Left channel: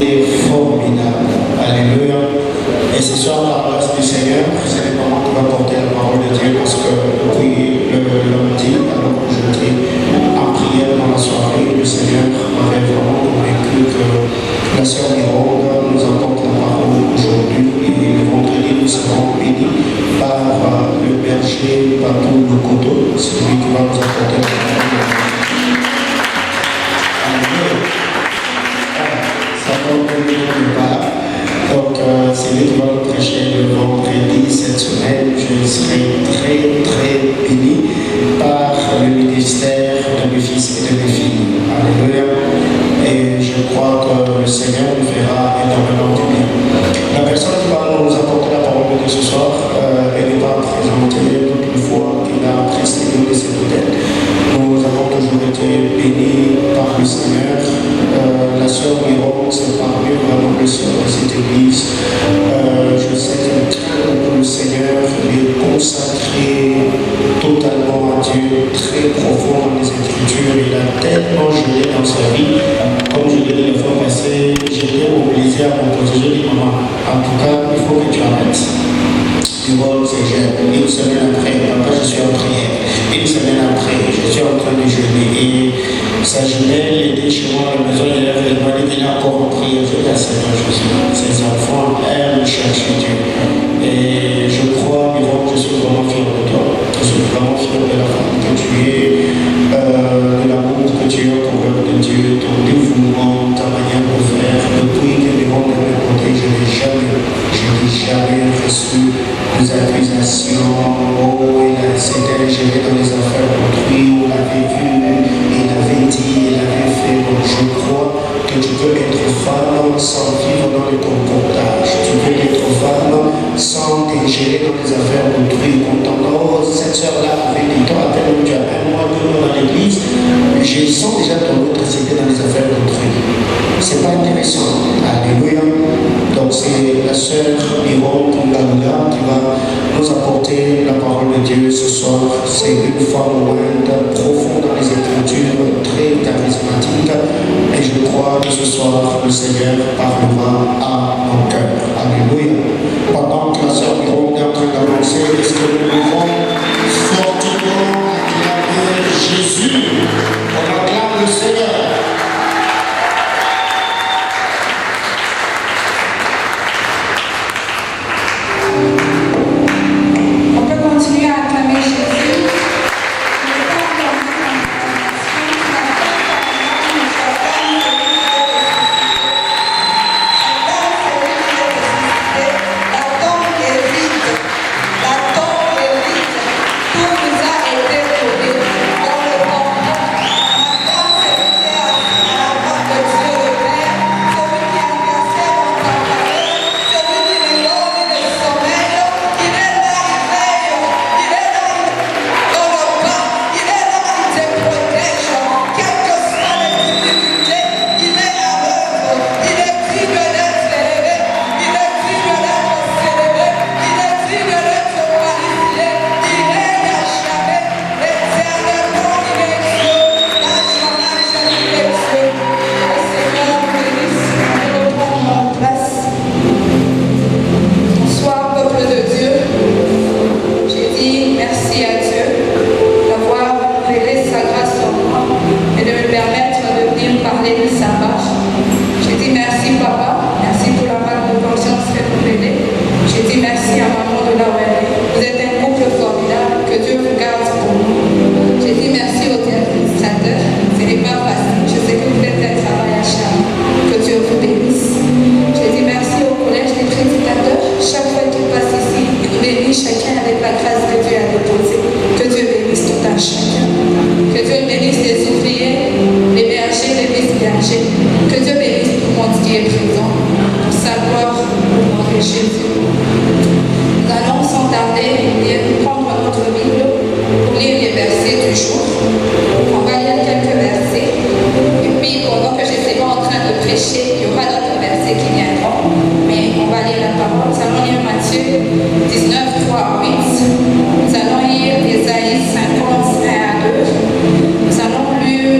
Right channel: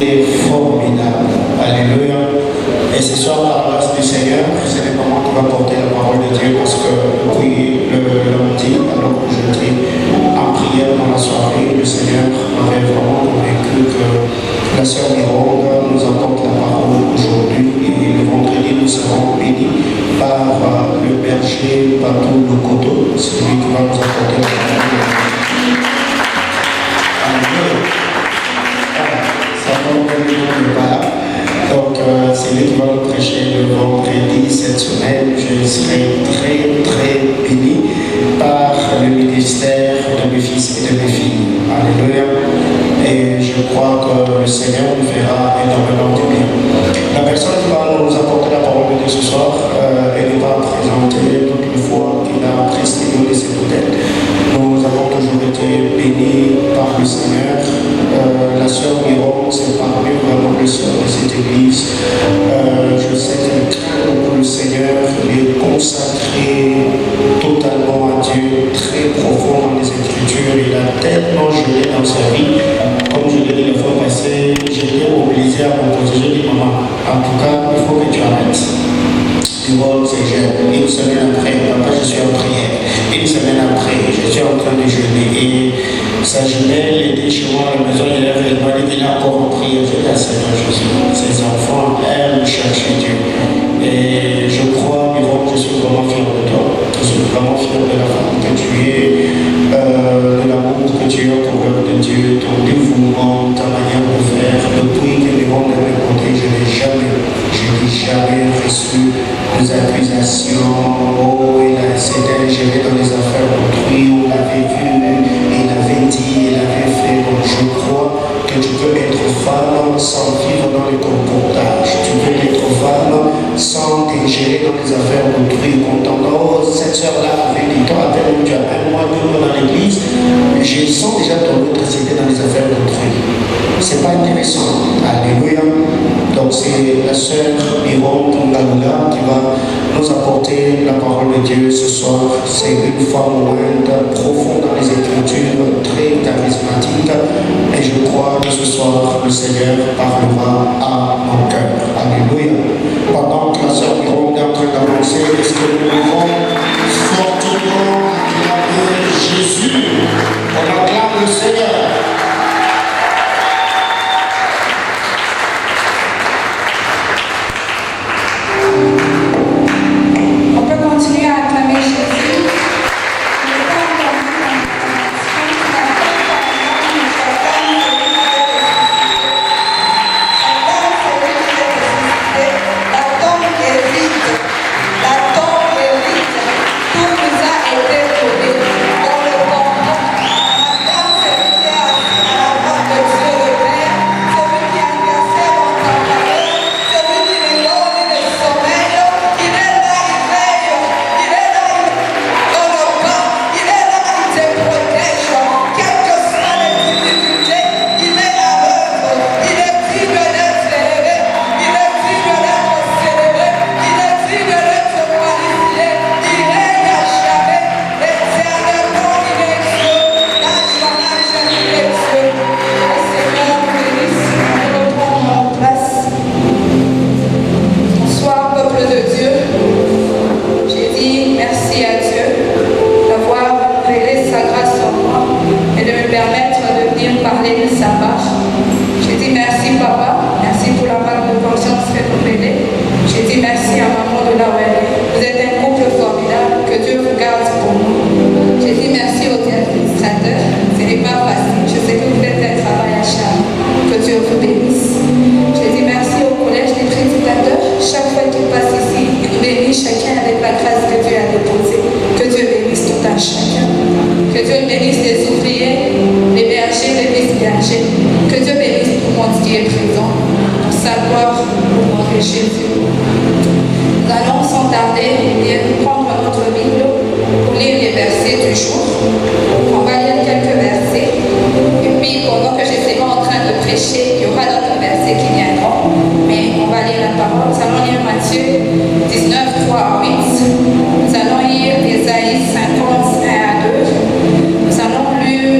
est formidable. Alléluia. Et ce soir, par la grâce du Seigneur, c'est le moment qui va porter la parole de Dieu parce que depuis le lundi, alors que j'étais en prière dans la soirée, le Seigneur m'avait vraiment convaincu que la sœur Mironde nous apporte la parole aujourd'hui et le vendredi nous serons bénis par le berger Patou Lokoto, c'est lui qui va nous apporter la parole. Donc, c'est lui qui va nous prêcher le vendredi cette semaine. Je serai très béni par le ministère de mes fils et de mes filles. Alléluia. Et je crois que le Seigneur nous fera énormément de bien. La personne qui va nous apporter la parole de Dieu ce soir, elle n'est pas présentée toute une fois qu'il a précédé de ses modèles. Nous avons toujours été bénis par le Seigneur. La sœur Miron, c'est parmi vraiment les sœurs de cette église. Je sais qu'elle craint pour le Seigneur, elle est consacrée totalement à Dieu, très profond dans les Écritures. Il a tellement gelé dans sa vie. Comme je l'ai dit la fois passée, j'étais obligé à m'opposer. J'ai dit, maman, en tout cas, il faut que tu arrêtes. Tu vois, c'est jeune. Une semaine après, papa, je suis en prière. Une semaine après, je suis en train de jeûner. Et sa jumelle, elle était chez moi à la maison, elle m'a dit qu'il a encore en prière. Je dis à Seigneur Jésus, ces enfants aiment chercher Dieu. Et je crois, Miron, je suis vraiment fier de toi. Je suis vraiment fier de la femme que tu es, de l'amour que tu as pour l'œuvre de Dieu, ton dévouement, ta manière de faire. Depuis que Miron de mon côté, je n'ai jamais reçu des accusations. Oh, il s'était géré dans les affaires d'autrui, on l'avait vu, il avait dit, il avait fait. Donc je crois que tu peux être femme sans vivre dans le comportage. Tu peux être femme sans t'ingérer dans les affaires d'autrui. Entendant, oh, cette soeur-là avait dit, toi, à peine tu as un mois, 2 mois dans l'église, je sens déjà ton atrocité dans les affaires d'autrui. C'est pas intéressant. Alléluia. Donc c'est la sœur Miron Ngaloula qui va nous apporter la parole de Dieu ce soir. C'est une femme moindre, profonde dans les Écritures, très charismatique. Et je crois que ce soir, le Seigneur parlera à mon cœur. Alléluia. Pendant que la sœur Miron est en train d'avancer, est-ce que nous pouvons fortement acclamer Jésus? On acclame le Seigneur.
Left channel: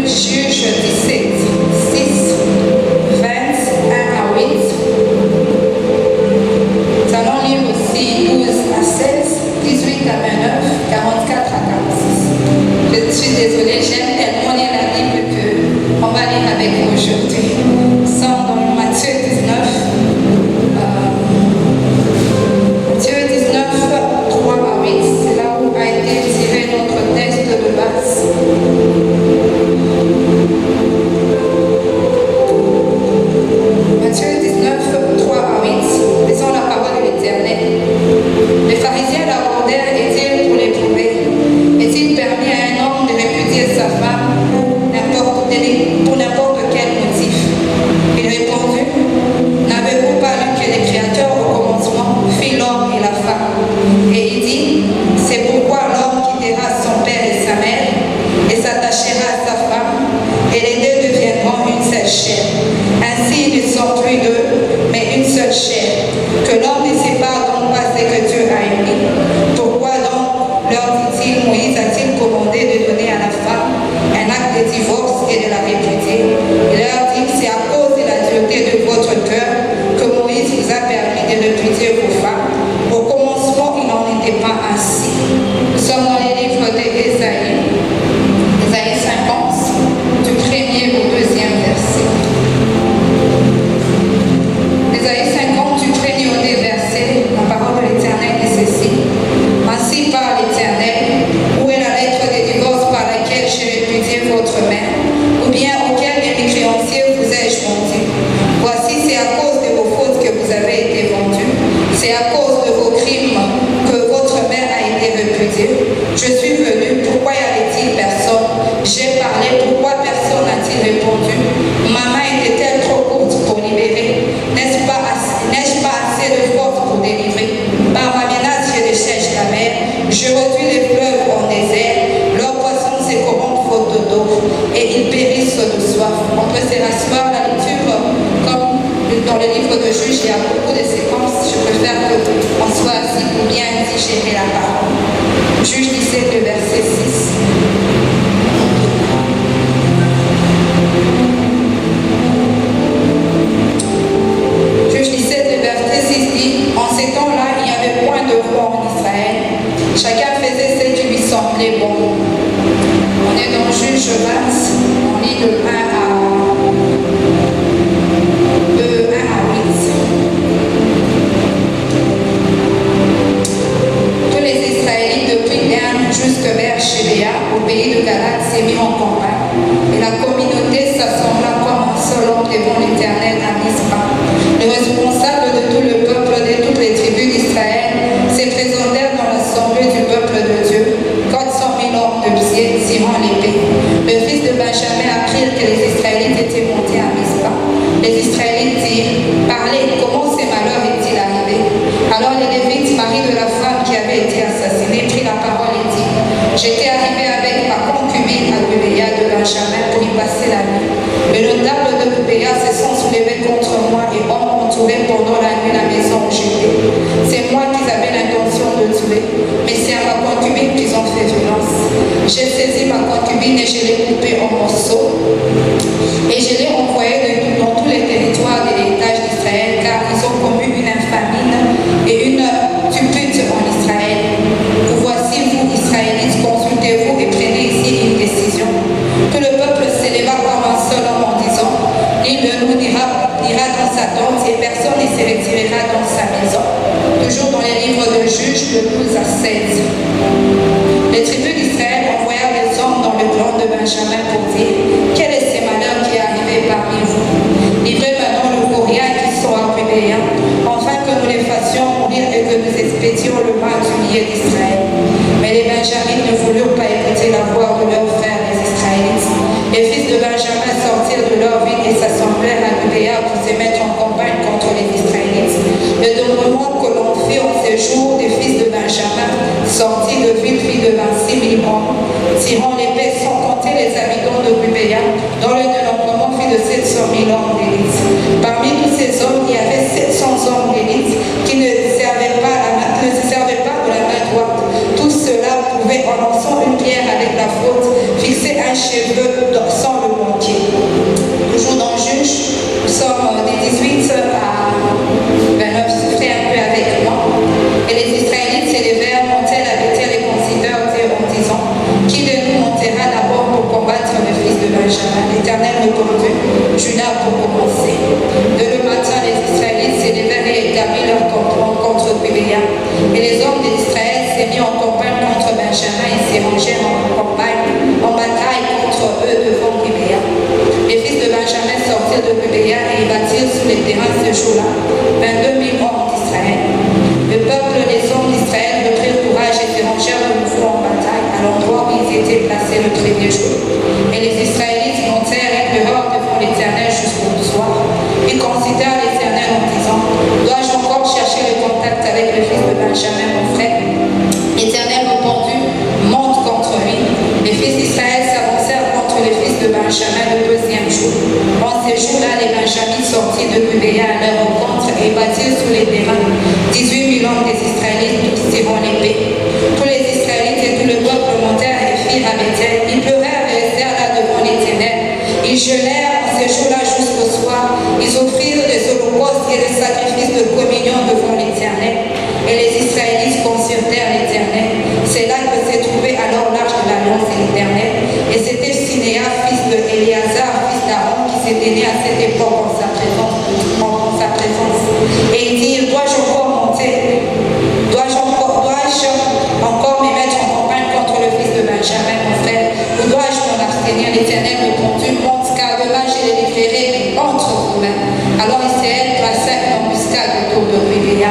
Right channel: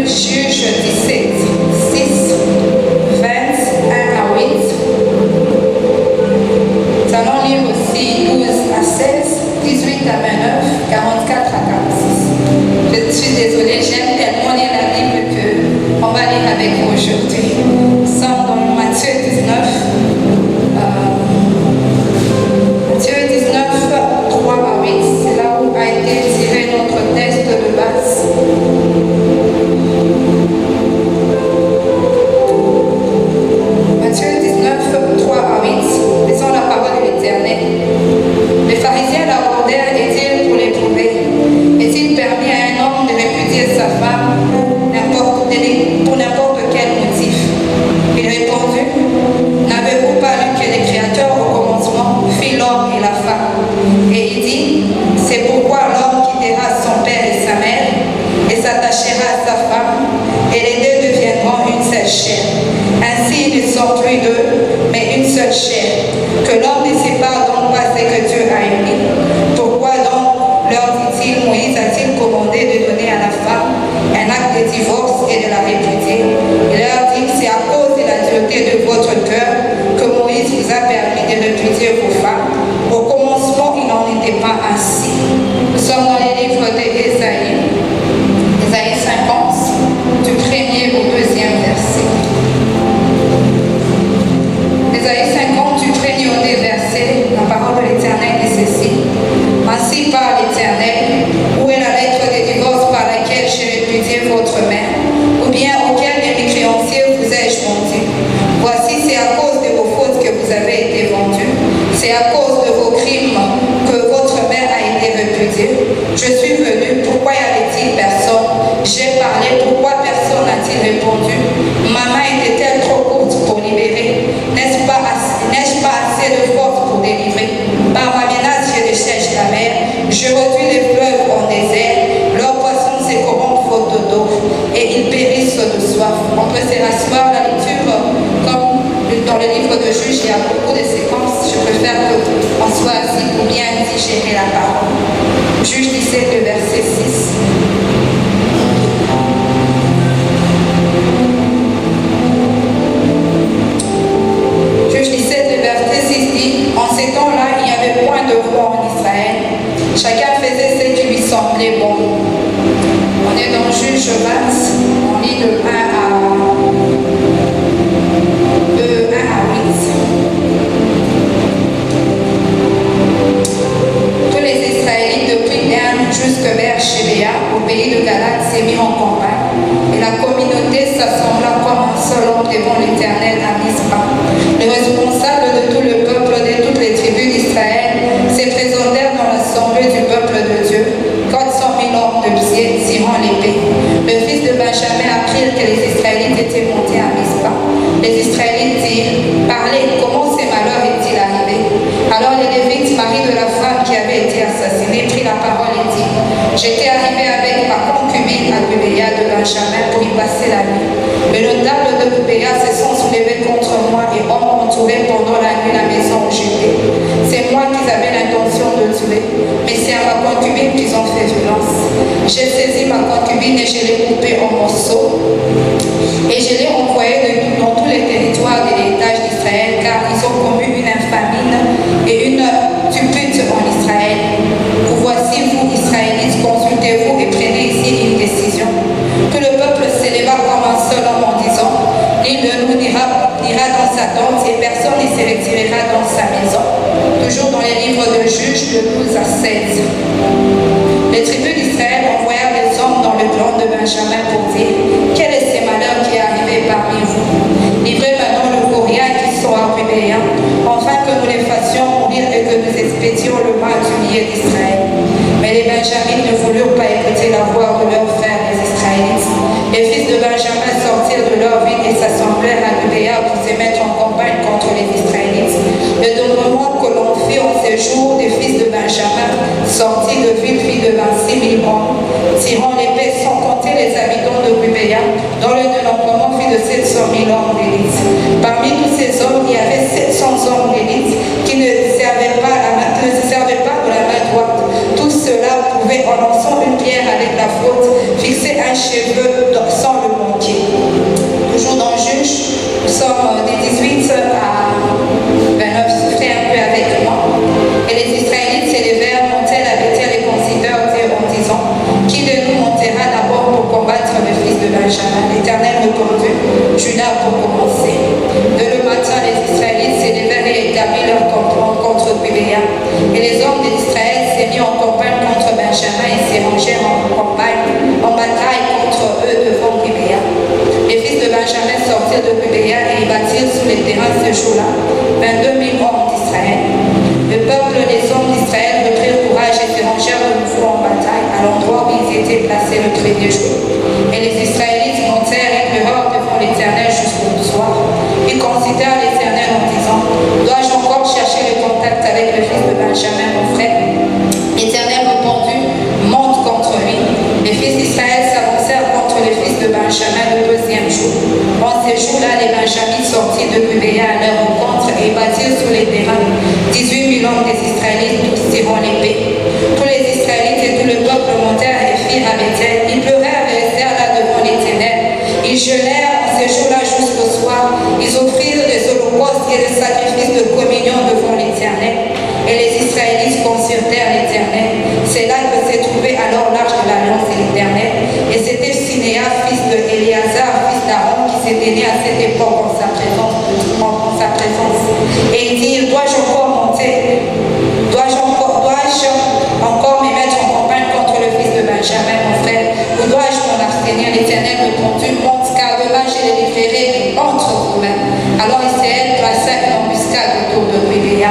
Juge 17, 6, 21 à 8. 18 à 29, 44 à 46. Je suis désolée, j'aime tellement lire la Bible qu'on va lire avec vous aujourd'hui. Nous sommes dans Matthieu 19. Matthieu 19, 3 à 8. C'est là où a été tiré notre texte de base. Matthieu 19, 3 à 8. Lisons la parole de l'Éternel. Les pharisiens l'abordèrent et dirent pour l'éprouver: est-il permis à un homme de répudier sa femme pour n'importe quel motif? Il répondit: n'avez-vous pas lu que les créateurs au commencement fit l'homme et la femme? Et il dit: c'est pourquoi l'homme quittera son père et sa mère et s'attachera à sa femme, et les deux deviendront une seule chair. Ainsi ils ne sont plus deux, mais une seule chair. Que l'homme ne sépare donc pas ce que Dieu a uni. Pourquoi donc, leur dit-il, Moïse a-t-il commandé de donner à la femme un acte de divorce et de la répudier? Il leur dit: c'est à cause de la dureté de votre cœur que Moïse vous a permis de répudier vos femmes. Au commencement, il n'en était pas ainsi. Nous sommes dans les livres d'Ésaïe, Ésaïe 50, du 1er au 2e verset. Ésaïe 50, du 1er au 2e verset, la parole de l'Éternel est ceci: ainsi parle l'Éternel, où est la lettre de divorce par laquelle j'ai répudié votre mère, ou bien auquel de mes créanciers vous ai-je vendu? Voici, c'est à cause de vos fautes que vous avez été vendus, c'est à cause de vos crimes que votre mère a été répudiée. Je suis venu, pourquoi y avait-il personne? J'ai parlé, pourquoi personne n'a-t-il répondu? Ma main était-elle trop courte pour libérer? N'ai-je pas assez de force pour délivrer? Par ma menace, je déchèche la mer, je réduis les fleuves en désert, leurs poissons se corrompent faute d'eau, et ils périssent de soif. On peut se rasseoir la lecture, comme dans le livre de Juges, il y a beaucoup de séquences. Je préfère qu'on soit assis pour bien digérer la parole. Juge 17, le verset 6. Juge 17, le verset 6 dit: en ces temps-là, il n'y avait point de roi en Israël. Chacun faisait ce qui lui semblait bon. On est dans Juge 20, on lit de 1 à 8. Tous les Israélites depuis Dan jusque vers Chébéa, au pays de Galate, s'est mis en campagne, et la communauté s'assembla comme un seul homme devant l'Éternel à Mispa. Le responsable de tout le peuple de toutes les tribus d'Israël se présentèrent dans l'assemblée du peuple de Dieu, 400 000 hommes de pied tirant l'épée. Le fils de Benjamin apprit que les Israélites étaient montés à Mispa. Les Israélites dirent: parlez, comment ces malheurs est-il arrivé? Alors les Lévites, mari de la femme qui avait été assassinée, prit la parole et dit: j'étais arrivé avec ma concubine à Gubéa de Benjamin pour y passer la nuit. Les notables de Gubéa se sont soulevés contre moi et ont entouré pendant la nuit la maison où j'étais. C'est moi qui avais l'intention de tuer, mais c'est à ma concubine qu'ils ont fait violence. J'ai saisi ma concubine et je l'ai coupée en morceaux, et je l'ai envoyée dans tous les territoires de l'héritage d'Israël, car ils ont commis une infamie et une tupute en Israël. Vous voici, vous, Israélites, consultez-vous et prenez ici une décision. Tout le peuple s'éleva comme un seul homme en disant: l'un de nous ira dans sa tente et personne ne se retirera dans sa maison. Toujours dans les livres de Juges, de 12 à 16. Les tribus d'Israël envoyèrent des hommes dans le clan de Benjamin pour dire: quel est ce malheur qui est arrivé parmi vous? Livrez maintenant le courrier qui sont à Gubéa, afin que nous les fassions mourir et que nous expédions le mal du milieu d'Israël. Mais les Benjamites ne voulurent pas écouter la voix de leurs frères les Israélites. Les fils de Benjamin sortirent de leur ville et s'assemblèrent à Gubéa pour se mettre en campagne contre les Israélites. Le dénombrement que l'on fit en ces jours des fils de Benjamin sortis de ville fit de 26 000 hommes, tirant l'épée sans compter les habitants de Gubéa, dont le dénombrement fit de 700 000 hommes d'élite. Parmi tous ces hommes, il y avait 700 hommes d'élite qui ne se servaient pas de la main droite. Tout cela pouvait, en lançant une pierre avec la faute, fixer un cheveu sans le manquer. Toujours dans Juge, nous sommes des 18 à 29, souffrez un peu avec moi. Et les Israélites s'élevèrent, montèrent Benjamin et s'érangèrent en bataille contre eux devant Gibéa. Les fils de Benjamin sortirent de Gibéa et bâtirent sur les terrains ce jour-là 22 000 hommes d'Israël. Le peuple, les hommes d'Israël reprirent courage et s'érangèrent de nouveau en bataille à l'endroit où ils étaient placés le premier jour. Et les Israélites montèrent et pleurèrent devant l'Éternel jusqu'au soir. Ils considèrent l'Éternel en disant: dois-je encore chercher le contact avec le fils de Benjamin, mon frère? L'Éternel répondit: monte contre lui. Les fils d'Israël s'avancèrent contre les fils de Benjamin le deuxième jour. En ces jours-là, les Benjamites sortirent de Gibéa à leur rencontre et bâtirent sur les terrains 18 000 hommes des Israélites, tous tirant l'épée. Tous les Israélites et tout le peuple montèrent et firent à Bethel. Ils pleurèrent et restèrent là devant l'Éternel. Ils jeûnèrent en ces jours-là jusqu'au soir. Ils offrirent des holocaustes et des sacrifices de communion devant l'Éternel. Et les Israélites consultèrent l'Éternel. C'est là que s'est trouvé alors l'arche de l'alliance de l'Éternel. Et c'était Sinéa, fils de Éléazar, fils d'Aaron, qui s'était né à cette époque en sa présence. Et il dit: dois-je encore monter? Dois-je encore me mettre en campagne contre le fils de Benjamin, mon frère? Ou dois-je m'en abstenir? L'Éternel répondit: monte, car demain je les livrerai entre vos mains. Alors Israël plaça une embuscade autour de Gibéa.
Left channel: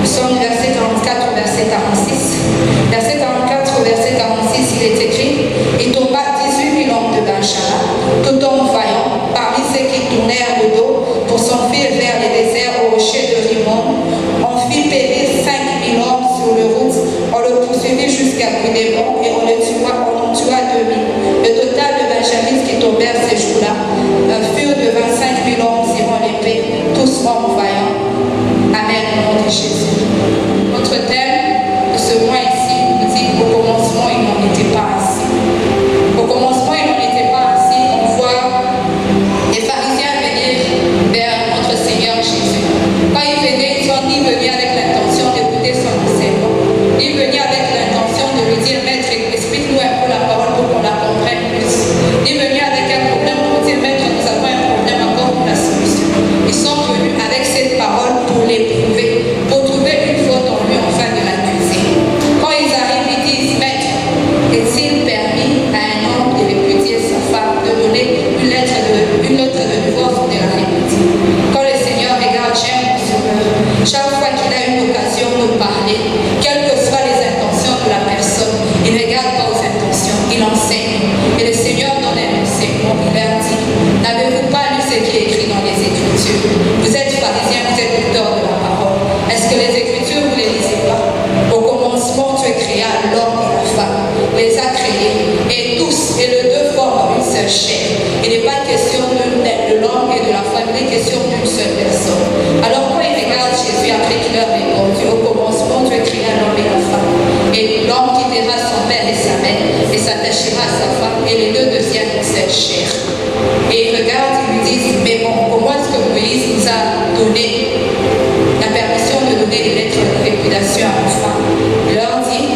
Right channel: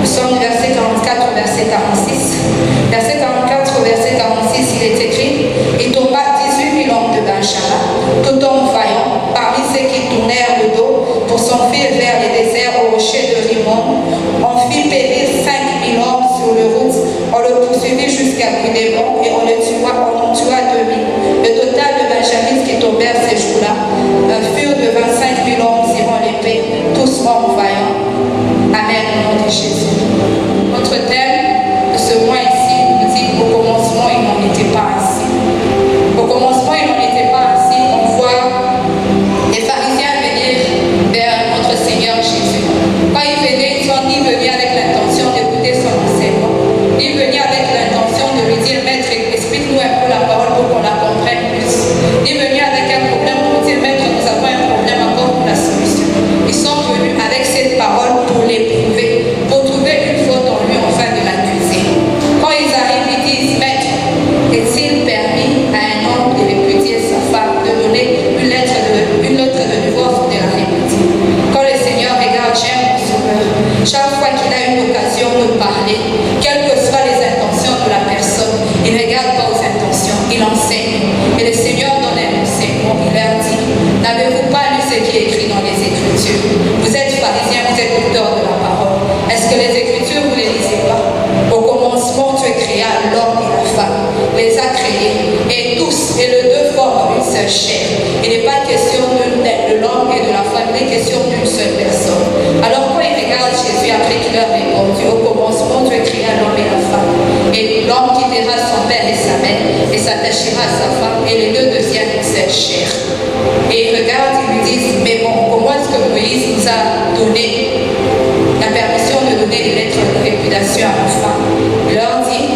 Nous sommes du verset 44 au verset 46. Verset 44 au verset 46, il est écrit: il tomba 18 000 hommes de Benjamin, tout homme vaillant, parmi ceux qui tournèrent le dos pour s'enfuir vers les déserts au rocher de Rimon. On fit périr 5 000 hommes sur le route. On le poursuivit jusqu'à Gudémon et on en tua 2 000. Le total de Benjamites qui tombèrent ces jours-là furent de 25 000 hommes tirant l'épée, tous hommes vaillants. Amen, au nom de Jésus. Notre thème de ce mois ici nous dit: au commencement, il n'en était pas ainsi. Au commencement, il n'en était pas ainsi. On voit les pharisiens venir vers notre Seigneur Jésus. Quand ils venaient, ils sont ni venus avec l'intention d'écouter son enseignement, ni venus avec l'intention de lui dire: maître, explique-nous un peu la parole pour qu'on la comprenne plus. Ni venus avec un problème pour dire: maître, nous avons un problème, encore pour la solution. Ils sont venus avec cette parole pour l'éprouver, pour trouver une faute en lui afin de l'accuser. Quand ils arrivent, ils disent: maître, est-il permis à un homme de répudier sa femme, de donner une lettre de divorce ou de la répudier? Quand le Seigneur regarde, j'aime mon Sauveur, chaque fois qu'il a une occasion de parler, quelles que soient les intentions de la personne, il ne regarde pas aux intentions, il enseigne. Et le Seigneur donne un enseignement, il leur dit: n'avez-vous pas lu ce qui est écrit dans les Écritures? Vous êtes pharisiens, vous êtes auteurs de la parole. Est-ce que les Écritures, vous ne les lisez pas? Au commencement, Dieu créa l'homme et la femme, les a créés, et tous, et les deux forment une seule chair. Il n'est pas question de l'homme et de la femme, il est question d'une seule personne. Alors quand il regarde Jésus après qu'il leur répondu: au commencement, Dieu créa l'homme et la femme, et l'homme quittera son père et sa mère et s'attachera à sa femme, et les deux deviennent une seule chair. Et il regarde, ils lui disent: mais bon, comment est-ce que Moïse nous a donné la permission de donner des lettres de répudiation à nos femmes? Il leur dit:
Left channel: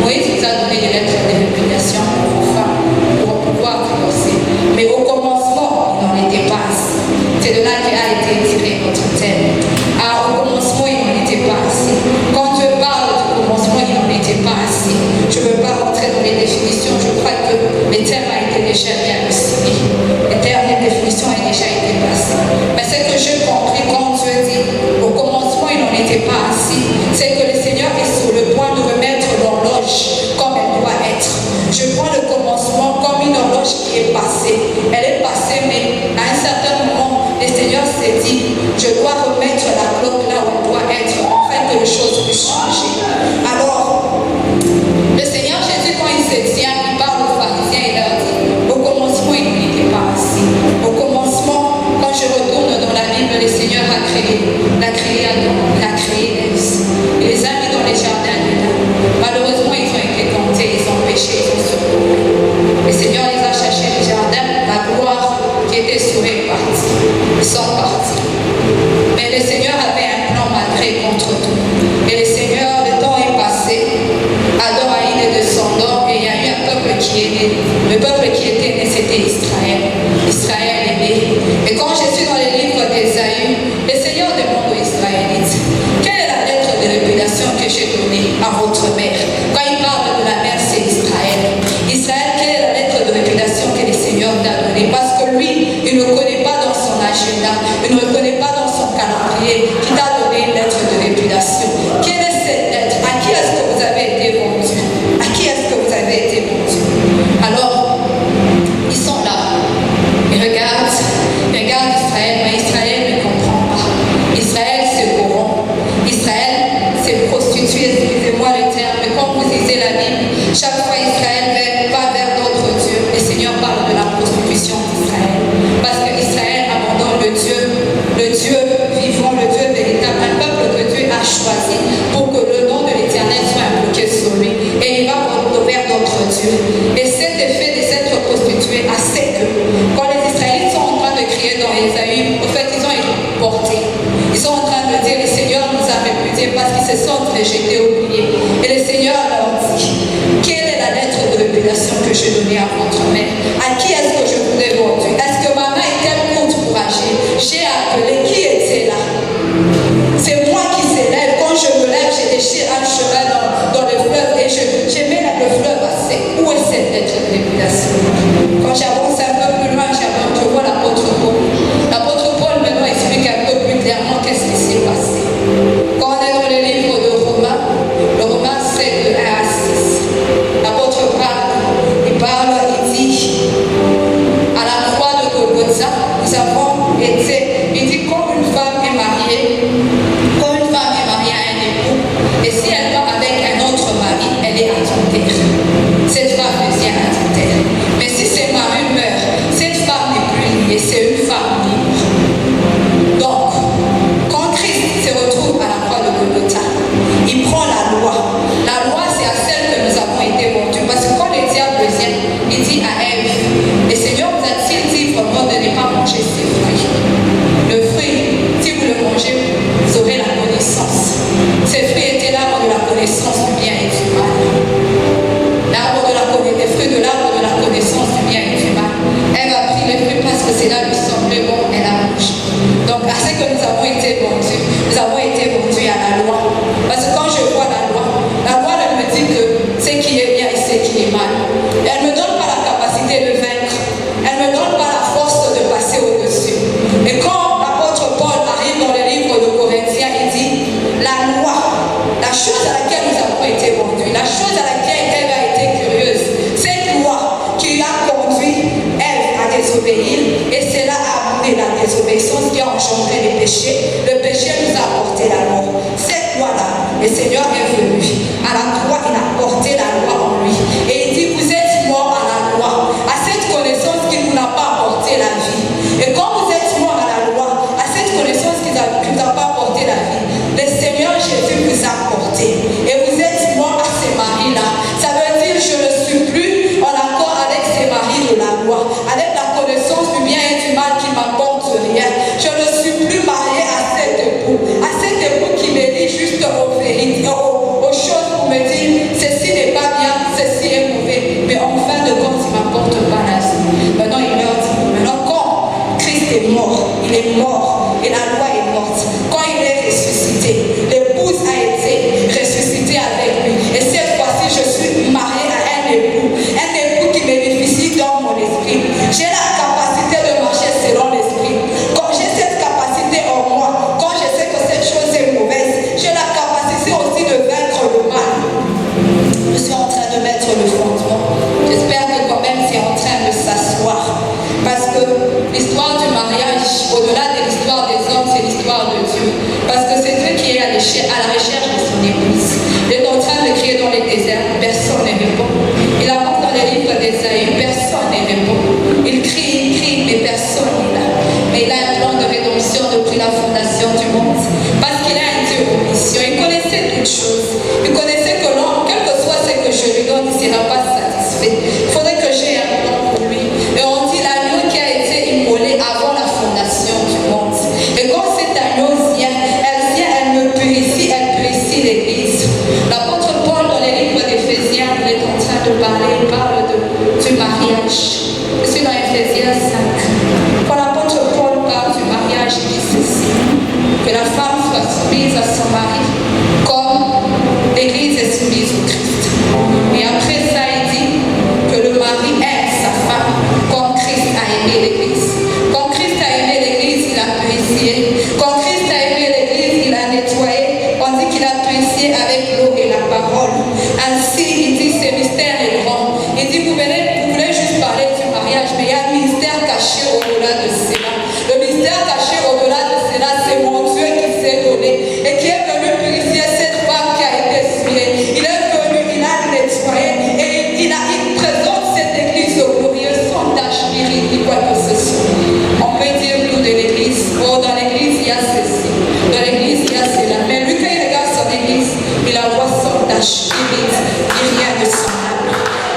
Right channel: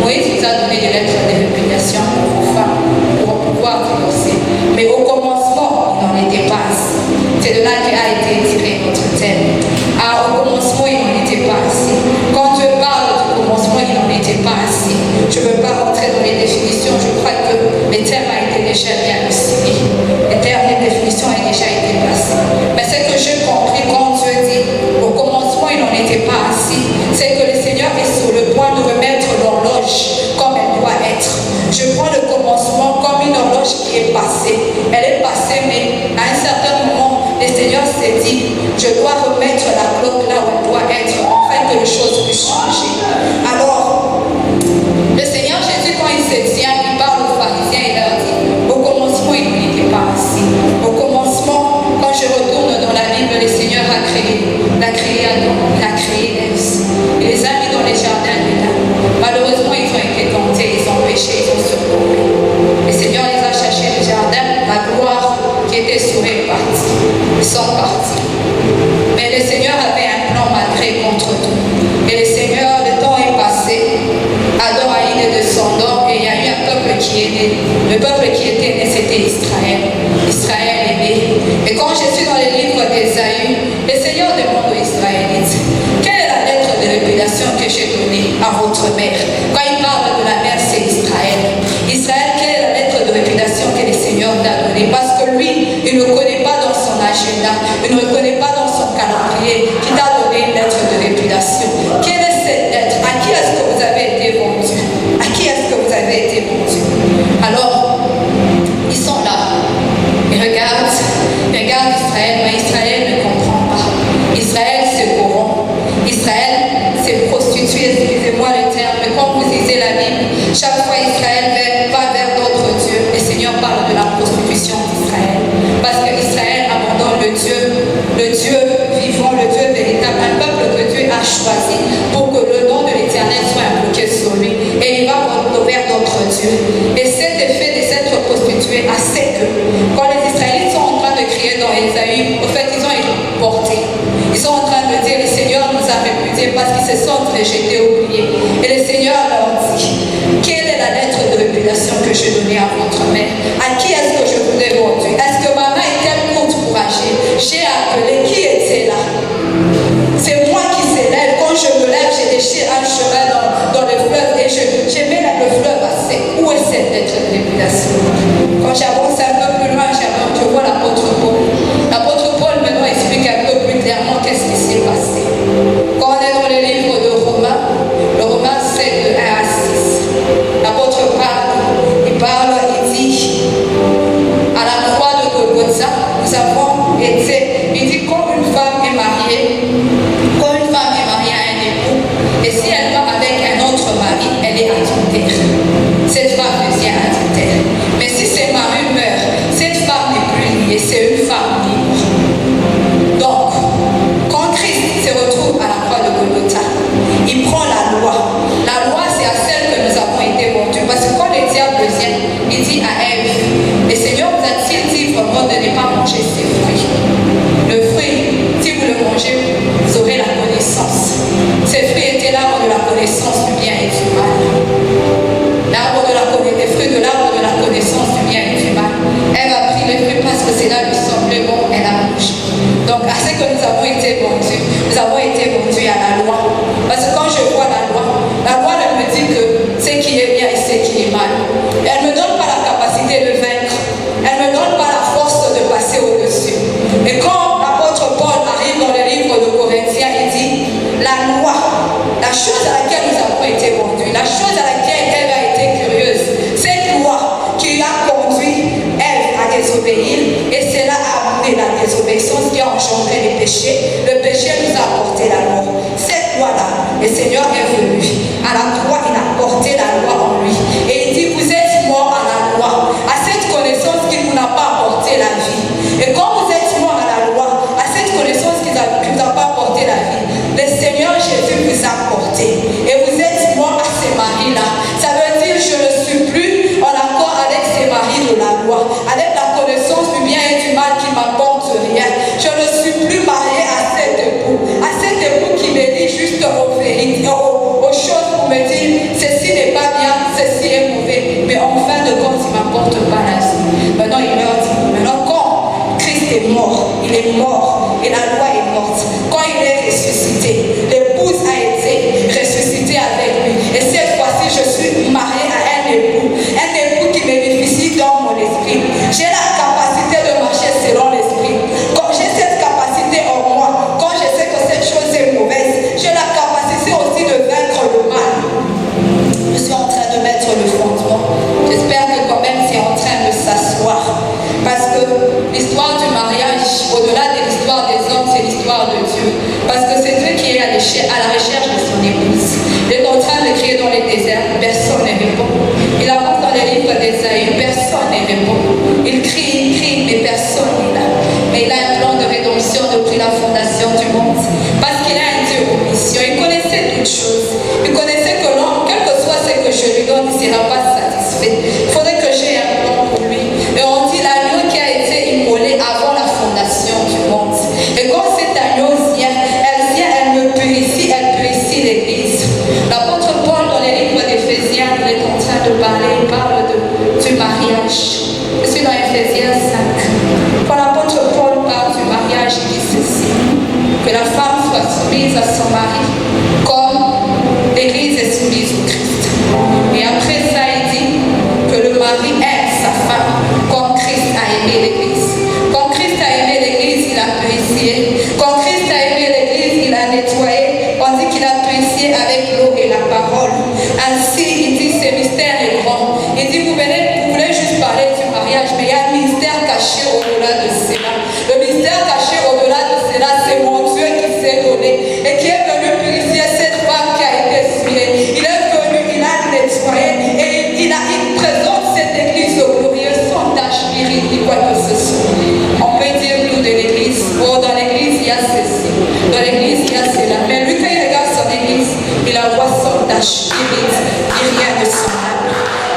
Moïse nous a donné des lettres de répudiation à nos femmes pour pouvoir divorcer. Mais au commencement, il n'en était pas ainsi. C'est de là qu'a été tiré notre thème. Ah, au commencement, il n'en était pas ainsi. Quand Dieu parle du commencement, il n'en était pas ainsi. Je ne veux pas rentrer dans les définitions. Je crois que le thème a été déjà bien aussi. Les termes, les définitions ont déjà été placées. Mais ce que j'ai compris quand Dieu dit: au commencement, il n'en était pas ainsi, c'est que le Seigneur est sur le point de remettre l'horloge comme elle doit être. Je prends le commencement comme une horloge qui est passée. Elle est passée, mais à un certain moment, le Seigneur s'est dit: je dois remettre la cloque là où elle doit être, afin que les choses puissent changer. Alors, le Seigneur Jésus, quand il se tient, il parle aux pharisiens et leur dit: au commencement, il n'était pas ainsi. Au commencement, quand je retourne dans la Bible, le Seigneur a créé Adam, il a créé Ève. Il les a mis dans les jardins d'Éden. Malheureusement, ils ont été tentés, ils ont péché, ils ont succombé. Le Seigneur les a cherchés du jardin, la gloire qui était sur eux est partie. Ils sont partis. Mais le Seigneur avait un plan malgré contre tout. Et le Seigneur, le temps est passé. Adam a eu des descendants et il y a eu un peuple qui est né. Le peuple qui était né, c'était Israël. Israël est né. Et quand je suis dans le livre d'Ésaïe, le Seigneur demande aux Israélites: quelle est la lettre de répudiation que j'ai donnée à votre mère? Quand il parle de la et j'étais oublié. Et le Seigneur leur dit, quelle est la lettre de révélation que je donnais à votre mère? À qui est-ce que je vous ai vendu? Est-ce que ma main est-elle courte pour agir? J'ai appelé, qui était là? C'est moi qui s'élève. Quand je me lève, j'ai déchiré un chemin dans le fleuve et je mets le fleuve à sec. Où est cette lettre de révélation? Quand j'avance un peu plus loin, je vois l'apôtre Paul. L'apôtre Paul maintenant explique un peu plus clairement qu'est-ce qui s'est passé. Quand on est dans le livre de Romains, le Romains 7, de 1 à 6, l'apôtre il dit, à la croix de Golgotha, nous avons été, il dit, quand une femme est mariée à un époux, et si elle va avec un autre mari, elle est adultère. Cette femme devient adultère. Mais si ses maris meurent, cette femme n'est plus liée, c'est une femme libre. Donc, quand Christ se retrouve à la croix de Golgotha, il prend la loi. La loi, c'est à celle que nous avons été vendus. Parce que quand le diable vient, il dit à Ève, le Seigneur vous a-t-il dit vraiment de ne pas manger ces fruits? Le fruit, si vous le mangez, vous aurez la connaissance. Ces fruits étaient l'arbre de la connaissance du bien et du mal. Les fruits de l'arbre de la connaissance du bien et du mal. Elle a pris les fruits parce que cela lui semblait bon, elle a mangé. Donc, à ce que nous avons été vendus à la loi. Parce que quand je vois la loi elle me dit que ce qui est bien et ce qui est mal. Elle ne me donne pas la capacité de vaincre. Elle ne me donne pas la force de passer au-dessus. Et quand l'apôtre Paul arrive dans le livre de Corinthiens, il dit, la loi, la chose à laquelle nous avons été vendus, la chose à laquelle elle a été curieuse, cette loi qui a conduit Ève à désobéir, et cela a amené la désobéissance qui a engendré les péchés. Le péché nous a apporté la mort. Cette loi-là, le Seigneur est venu. À la croix, il a porté la loi en lui. Et il dit, vous êtes morts à la loi, à cette connaissance qui ne vous a pas apporté la vie. Et quand vous êtes morts à la loi, à cette connaissance qui ne vous a pas apporté la vie, le Seigneur Jésus vous a porté. Et vous êtes morts à ces maris-là. Ça veut dire, je ne suis plus en accord avec ces maris de la loi, avec la connaissance du bien et du mal qui m'apporte rien. Je ne suis plus marié à cet époux qui me dit juste aux vérités, aux choses pour me dire, ceci n'est pas bien, ceci est mauvais. Mais en fin de compte, il ne m'apporte pas la vie. Maintenant, il leur dit, maintenant quand Christ est mort, il est mort et la loi est morte. Quand il est ressuscité, l'épouse a été ressuscitée avec lui. Et cette fois-ci, je suis mariée à un époux qui bénéficie dans mon esprit. J'ai la capacité de marcher selon l'esprit. Quand j'ai cette capacité en moi, quand je sais que cette chose est mauvaise, j'ai la capacité aussi de vaincre le mal. Je suis en train de mettre le fondement. J'espère que quand même c'est en train de s'asseoir. Parce que l'histoire du mariage, au-delà de l'histoire des hommes, c'est l'histoire de Dieu. Parce que c'est Dieu qui est à la recherche de son épouse. Il est en train de crier dans les déserts, personne ne répond. Il avance dans les livres d'Ésaïe, personne ne répond. Il crie, mais personne n'est là. Mais il a un plan de rédemption depuis la fondation du monde. Parce qu'il a un Dieu omniscient. Il connaissait toutes choses. Il connaissait que l'homme, quel que soit ce que je lui donne, il ne sera pas satisfait. Il faudrait que j'ai un plan pour lui. Et on dit l'agneau qui a été immolé avant la fondation du monde. Et quand cet agneau vient, elle me purifie, elle purifie l'Église. L'apôtre Paul, dans les livres d'Éphésiens, il est en train de parler, il parle du mariage. Je suis dans Éphésiens 5. Quand l'apôtre Paul parle du mariage, il dit ceci, que la femme soit soumise à son mari, comme l'Église est soumise au Christ. Et après ça, il dit que le mari aime sa femme, comme Christ a aimé l'Église. Quand Christ a aimé l'Église, il a purifié. Quand Christ a aimé l'Église, il a nettoyé. On dit qu'il a purifié avec l'eau et la parole. Ainsi, il dit, ce mystère est grand. Il dit, vous voulez juste parler du mariage, mais il y a un mystère caché au-delà de cela. Le mystère caché au-delà de cela, c'est mon Dieu qui s'est donné et qui est venu purifier cette femme qui a été souillée. Il est venu, il a nettoyé et il présente cette église glorieuse sans tache, ni quoi que ce soit. On peut dire nous de l'église, oh, dans l'église il y a ceci, dans l'église il y a cela. Mais lui, quand il regarde son église, il la voit sans tache, ni rien de semblable.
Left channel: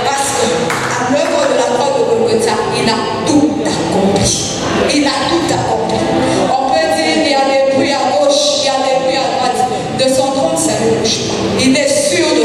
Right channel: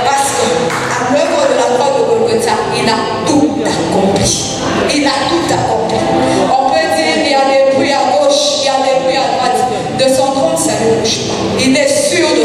Parce qu'à l'œuvre de la croix de Golgotha, il a tout accompli. Il a tout accompli. On peut dire qu'il y a des bruits à gauche, il y a des bruits à droite. De son trône, ça ne bouge pas.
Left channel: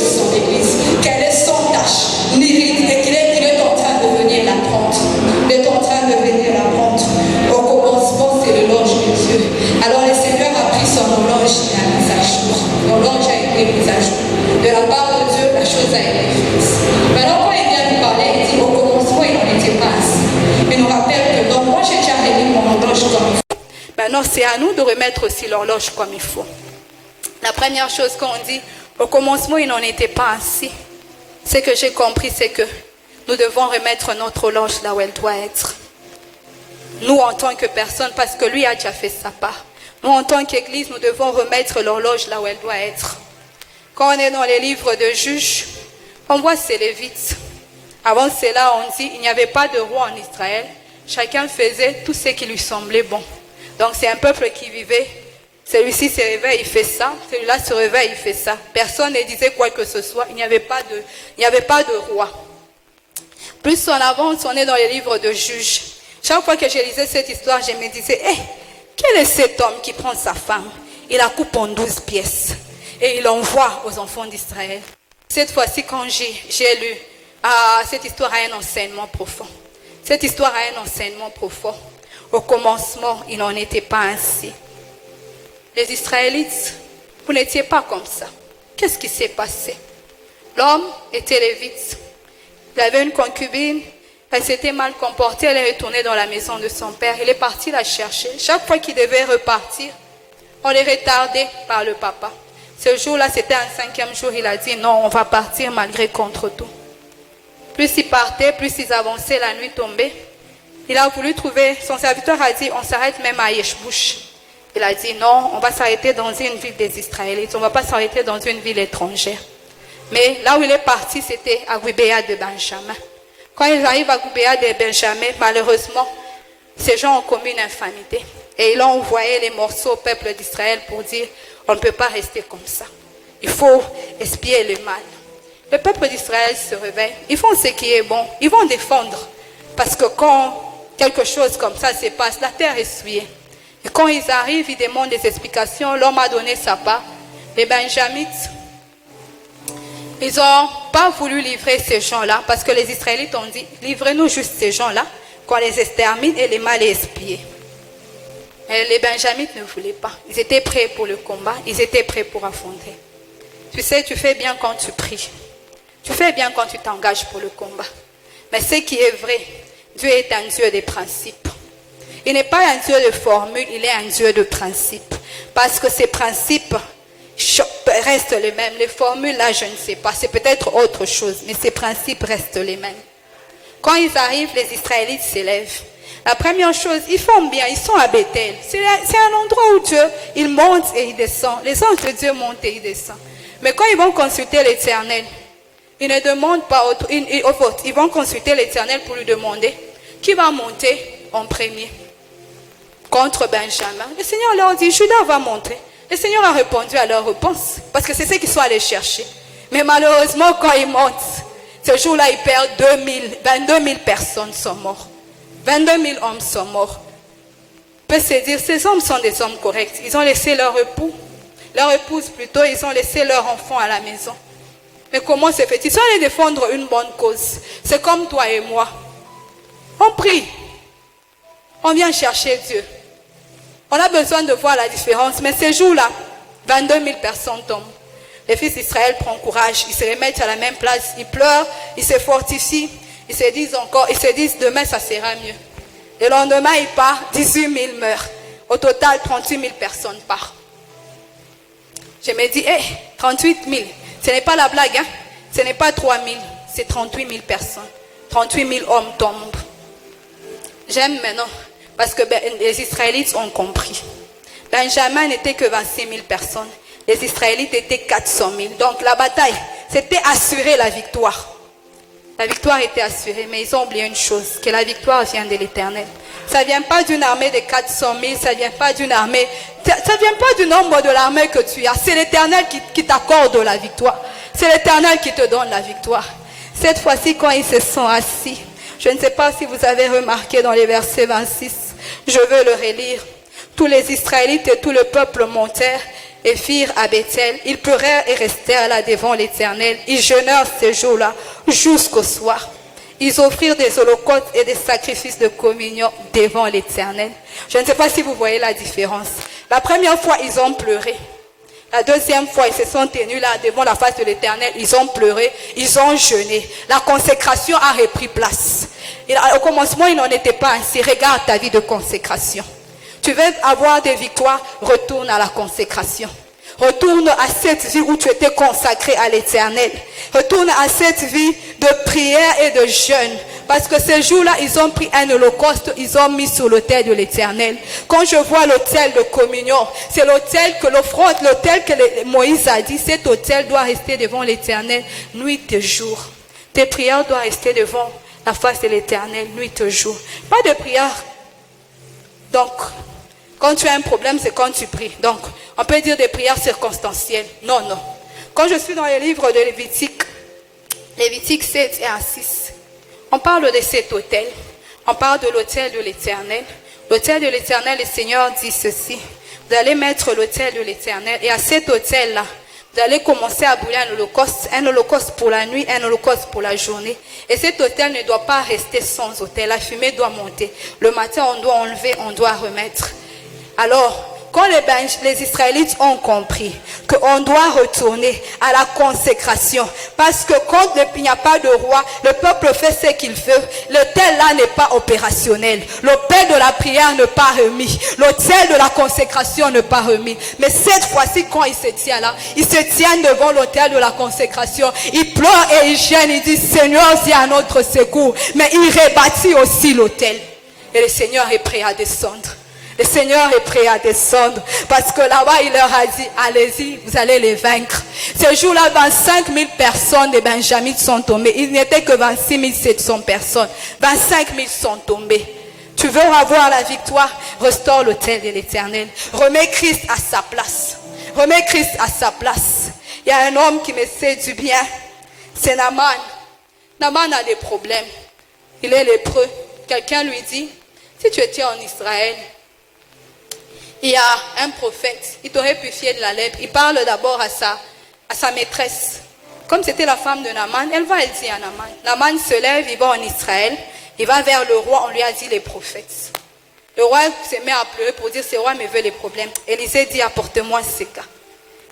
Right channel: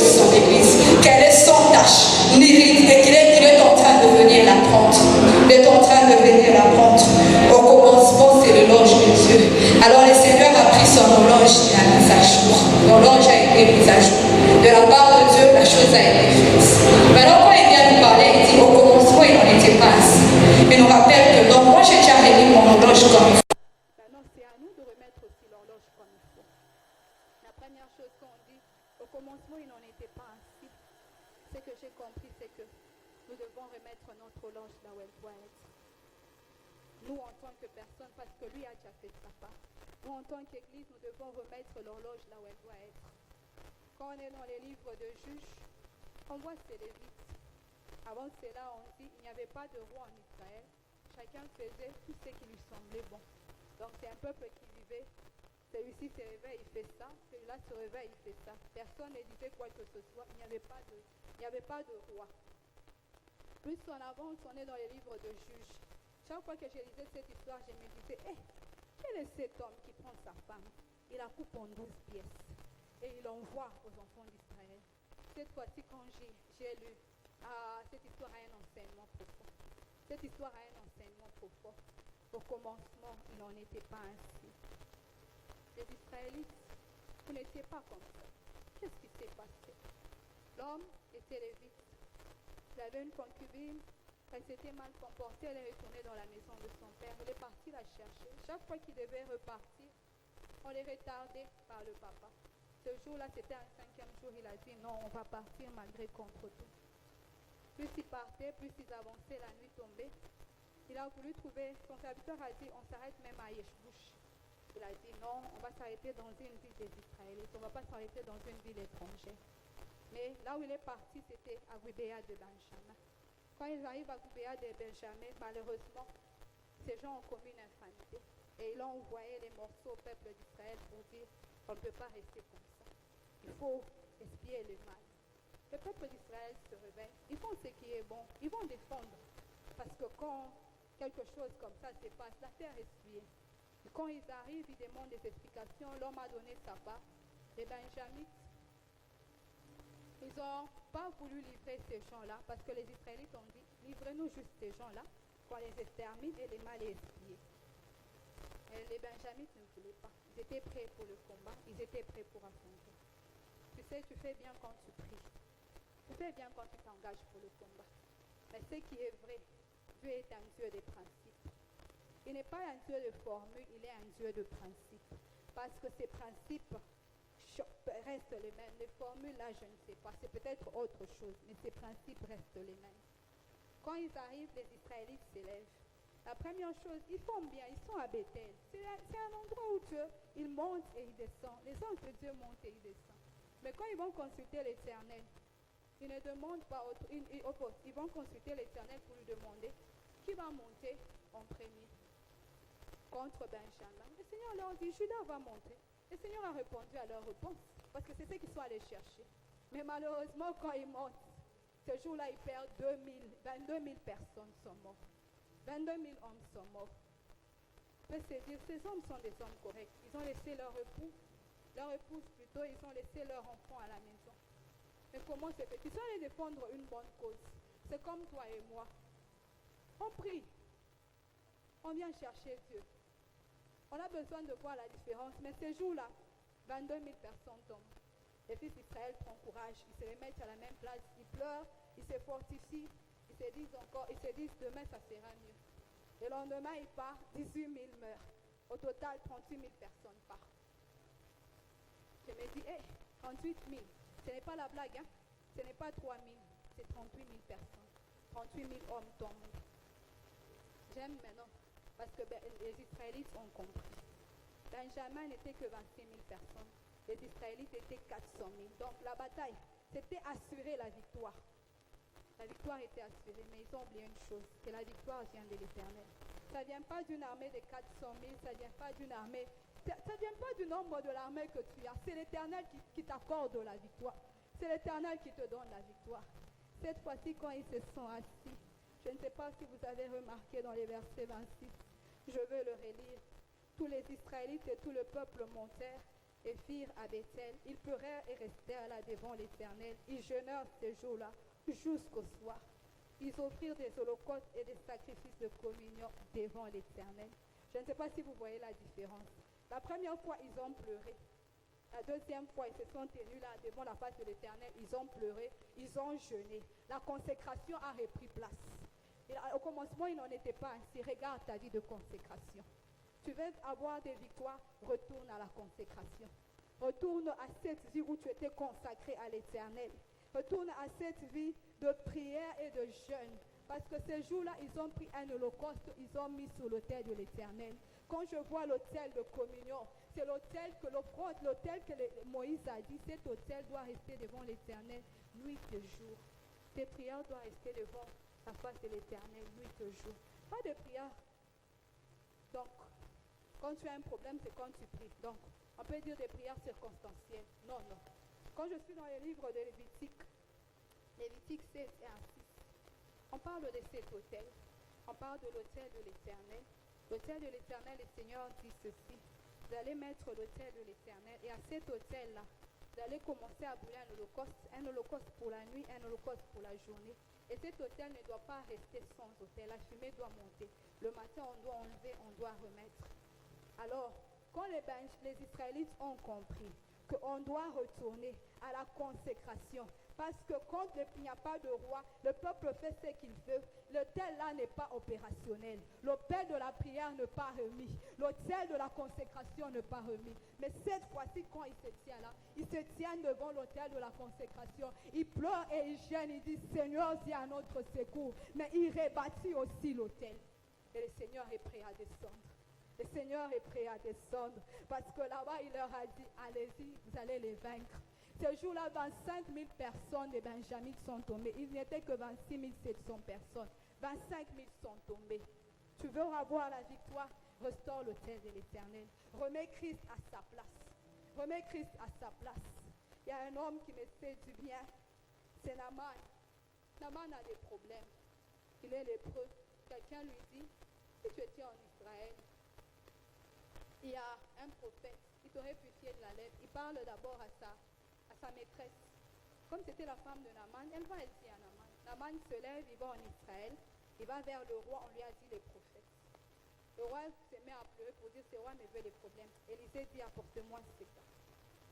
son église, qu'elle est sans tache, ni ride, et qu'il est en train de venir l'apprendre. Il est en train de venir l'apprendre. Au commencement, c'est l'horloge de Dieu. Alors le Seigneur a pris son horloge et a mis à jour. L'horloge a été mise à jour. De la part de Dieu, la chose a été faite. Maintenant, quand il vient nous parler, il dit au commencement, il n'en était pas ainsi. Il nous rappelle que donc, moi, j'ai déjà remis mon horloge comme il faut. Maintenant, c'est à nous de remettre aussi l'horloge comme il faut. La première chose qu'on dit, au commencement, il n'en était pas ainsi. Ce que j'ai compris, c'est que nous devons remettre notre horloge là où elle doit être. Nous, en tant que personne, parce que lui a déjà fait sa part. Nous, en tant qu'Église, nous devons remettre l'horloge là où elle doit être. Quand on est dans les livres de juges, on voit ces Lévites. Avant cela, on dit il n'y avait pas de roi en Israël. Chacun faisait tout ce qui lui semblait bon. Donc, c'est un peuple qui vivait. Celui-ci se réveille, il fait ça. Celui-là se réveille, il fait ça. Personne ne disait quoi que ce soit. Il n'y avait pas de roi. Plus on avance, on est dans les livres de juges. Chaque fois que je lisais cette histoire, je me disais, quel est cet homme qui prend sa femme? Il la coupe en 12 pièces et il l'envoie aux enfants d'Israël. Cette fois-ci, quand j'ai lu, cette histoire a un enseignement profond. Cette histoire a un enseignement profond. Au commencement, il n'en était pas ainsi. Les Israélites, vous n'étiez pas comme ça. Qu'est-ce qui s'est passé? L'homme était lévite. Il avait une concubine. Elle s'était mal comportée, elle est retournée dans la maison de son père. Il est parti la chercher. Chaque fois qu'il devait repartir, on les retardait par le papa. Ce jour-là, c'était un 5e jour, il a dit non, on va partir malgré contre tout. Plus ils partaient, plus ils avançaient, la nuit tombée. Il a voulu trouver, son serviteur a dit on s'arrête même à Yeshbouch. Il a dit non, on va s'arrêter dans une ville des Israélites, on ne va pas s'arrêter dans une ville étrangère. Mais là où il est parti, c'était à Gubéa de Benjamin. Quand ils arrivent à Gubéa de Benjamin, malheureusement, ces gens ont commis une infamité. Et ils ont envoyé les morceaux au peuple d'Israël pour dire, on ne peut pas rester comme ça. Il faut espier le mal. Le peuple d'Israël se réveille. Ils font ce qui est bon. Ils vont défendre. Parce que quand quelque chose comme ça se passe, la terre est souillée. Et quand ils arrivent, ils demandent des explications. L'homme a donné sa part. Les Benjamites, ils n'ont pas voulu livrer ces gens-là parce que les Israélites ont dit, livrez-nous juste ces gens-là, qu'on les extermine et les mal espiés. Et les Benjamites ne voulaient pas. Ils étaient prêts pour le combat, ils étaient prêts pour affronter. Tu sais, tu fais bien quand tu pries. Tu fais bien quand tu t'engages pour le combat. Mais ce qui est vrai, Dieu est un Dieu des principes. Il n'est pas un Dieu de formule, il est un Dieu de principes. Parce que ces principes restent les mêmes. Les formules, là, je ne sais pas. C'est peut-être autre chose, mais ces principes restent les mêmes. Quand ils arrivent, les Israélites s'élèvent. La première chose, ils font bien, ils sont à Bethel. C'est un endroit où Dieu, il monte et il descend. Les anges de Dieu montent et ils descendent. Mais quand ils vont consulter l'Éternel, ils ne demandent pas autre, ils vont consulter l'Éternel pour lui demander qui va monter en premier contre Benjamin. Le Seigneur leur dit, Judas va monter. Le Seigneur a répondu à leur réponse, parce que c'est ce qu'ils sont allés chercher. Mais malheureusement, quand ils montent, ce jour-là, ils perdent 22 000 personnes sont mortes. 22 000 hommes sont morts. On peut se dire, ces hommes sont des hommes corrects. Ils ont laissé leur époux, leur épouse plutôt, ils ont laissé leur enfant à la maison. Mais comment c'est fait? Ils sont allés défendre une bonne cause. C'est comme toi et moi. On prie. On vient chercher Dieu. On a besoin de voir la différence. Mais ces jours-là, 22 000 personnes tombent. Les fils d'Israël prennent courage. Ils se remettent à la même place. Ils pleurent. Ils se fortifient. Ils se disent demain ça sera mieux. Le lendemain, ils partent. 18 000 meurent. Au total, 38 000 personnes partent. Je me dis, 38 000. Ce n'est pas la blague. Hein? Ce n'est pas 3 000. C'est 38 000 personnes. 38 000 hommes tombent. J'aime maintenant. Parce que les Israélites ont compris. Benjamin n'était que 26 000 personnes. Les Israélites étaient 400 000. Donc la bataille, c'était assurer la victoire. La victoire était assurée, mais ils ont oublié une chose, que la victoire vient de l'Éternel. Ça ne vient pas d'une armée de 400 000, ça ne vient pas d'une armée, ça ne vient pas du nombre de l'armée que tu as. C'est l'Éternel qui t'accorde la victoire. C'est l'Éternel qui te donne la victoire. Cette fois-ci, quand ils se sont assis, je ne sais pas si vous avez remarqué dans les versets 26, je veux le relire. Tous les Israélites et tout le peuple montèrent et firent à Bethel. Ils pleurèrent et restèrent là devant l'Éternel. Ils jeûnèrent ce jour-là jusqu'au soir. Ils offrirent des holocaustes et des sacrifices de communion devant l'Éternel. Je ne sais pas si vous voyez la différence. La première fois, ils ont pleuré. La deuxième fois, ils se sont tenus là devant la face de l'Éternel. Ils ont pleuré, ils ont jeûné. La consécration a repris place. Et au commencement, il n'en était pas ainsi. Regarde ta vie de consécration. Tu veux avoir des victoires, retourne à la consécration. Retourne à cette vie où tu étais consacré à l'Éternel. Retourne à cette vie de prière et de jeûne. Parce que ces jours-là, ils ont pris un holocauste, ils ont mis sur l'autel de l'Éternel. Quand je vois l'autel de communion, c'est l'autel que l'offrande, l'autel que Moïse a dit, cet autel doit rester devant l'Éternel nuit et jour. Tes prières doivent rester devant la face de l'Éternel nuit et jour. Pas de prière. Donc, quand tu as un problème, c'est quand tu pries. Donc, on peut dire des prières circonstancielles. Non, non. Quand je suis dans les livres de Lévitique 7 et 6, on parle de cet autel. On parle de l'autel de l'Éternel. L'autel de l'Éternel, le Seigneur dit ceci. Vous allez mettre l'autel de l'Éternel. Et à cet autel-là, vous allez commencer à brûler un holocauste pour la nuit, un holocauste pour la journée. Et cet autel ne doit pas rester sans autel. La fumée doit monter. Le matin, on doit enlever, on doit remettre. Alors, quand les Israélites ont compris qu'on doit retourner à la consécration, parce que quand il n'y a pas de roi, le peuple fait ce qu'il veut, l'autel là n'est pas opérationnel. L'autel de la prière n'est pas remis. L'autel de la consécration n'est pas remis. Mais cette fois-ci, quand il se tient là, il se tient devant l'autel de la consécration. Il pleure et il gêne, il dit, Seigneur, viens à notre secours. Mais il rebâtit aussi l'autel. Et le Seigneur est prêt à descendre. Le Seigneur est prêt à descendre parce que là-bas, il leur a dit, allez-y, vous allez les vaincre. Ce jour-là, 25 000 personnes de Benjamin sont tombées. Il n'était que 26 700 personnes. 25 000 sont tombées. Tu veux avoir la victoire? Restaure l'autel de l'Éternel. Remets Christ à sa place. Remets Christ à sa place. Il y a un homme qui me sait du bien. C'est Naaman. Naaman a des problèmes. Il est lépreux. Quelqu'un lui dit, si tu étais en Israël, il y a un prophète, il t'aurait purifié de la lèpre. Il parle d'abord à sa maîtresse. Comme c'était la femme de Naaman, elle va, elle dit à Naaman. Naaman se lève, il va en Israël, il va vers le roi, on lui a dit les prophètes. Le roi se met à pleurer pour dire, ce roi me veut les problèmes. Élisée dit, apportez-moi ces cas.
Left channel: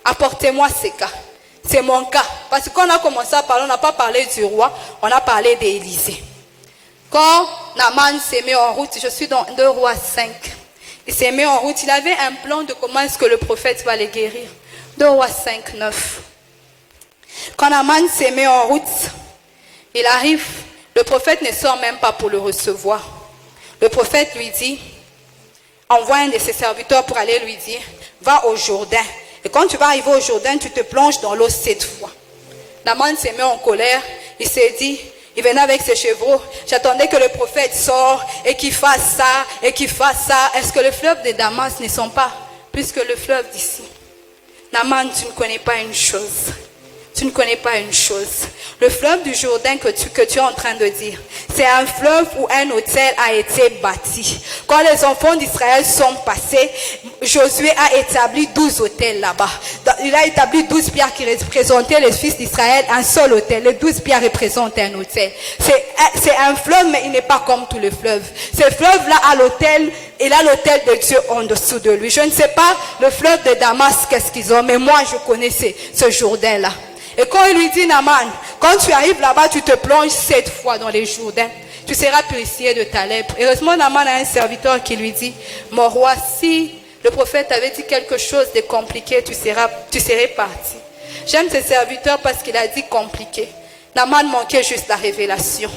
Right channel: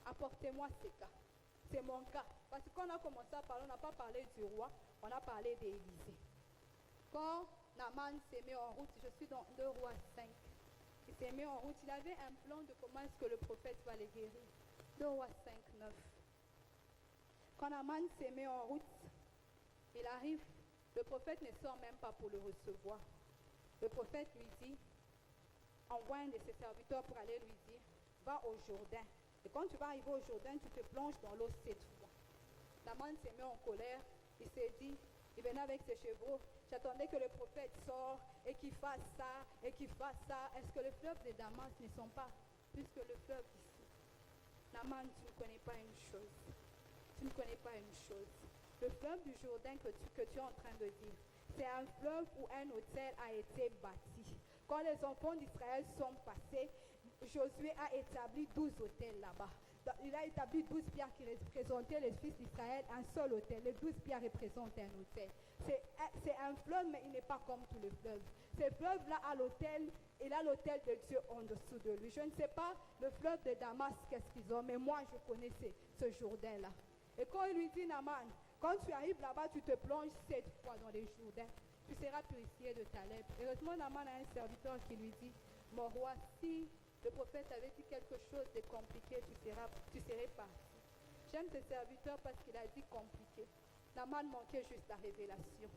Apportez-moi ces cas. C'est mon cas. Parce que quand on a commencé à parler, on n'a pas parlé du roi, on a parlé d'Élisée. Quand Naaman s'est mis en route, je suis dans 2 Rois 5. Il s'est mis en route. Il avait un plan de comment est-ce que le prophète va les guérir. 2 Rois 5, 9. Quand Naaman s'est mis en route, il arrive. Le prophète ne sort même pas pour le recevoir. Le prophète lui dit, envoie un de ses serviteurs pour aller lui dire, va au Jourdain. Et quand tu vas arriver au Jourdain, tu te plonges dans l'eau 7 fois. Naaman s'est mis en colère. Il s'est dit, il venait avec ses chevaux. J'attendais que le prophète sorte et qu'il fasse ça et qu'il fasse ça. Est-ce que les fleuves de Damas ne sont pas plus que le fleuve d'ici? Naaman, tu ne connais pas une chose. Tu ne connais pas une chose. Le fleuve du Jourdain que tu es en train de dire, c'est un fleuve où un autel a été bâti. Quand les enfants d'Israël sont passés, Josué a établi 12 autels là-bas. Il a établi 12 pierres qui représentaient les fils d'Israël, un seul autel. Les 12 pierres représentent un autel. C'est un fleuve, mais il n'est pas comme tous les fleuves. Ce fleuve-là a l'autel, il a l'autel de Dieu en dessous de lui. Je ne sais pas le fleuve de Damas, qu'est-ce qu'ils ont, mais moi je connaissais ce Jourdain-là. Et quand il lui dit, Naaman, quand tu arrives là-bas, tu te plonges 7 fois dans les Jourdains. Tu seras purifié de ta lèpre. Heureusement, Naaman a un serviteur qui lui dit, mon roi, si le prophète avait dit quelque chose de compliqué, tu serais parti. J'aime ce serviteur parce qu'il a dit compliqué. Naaman manquait juste la révélation.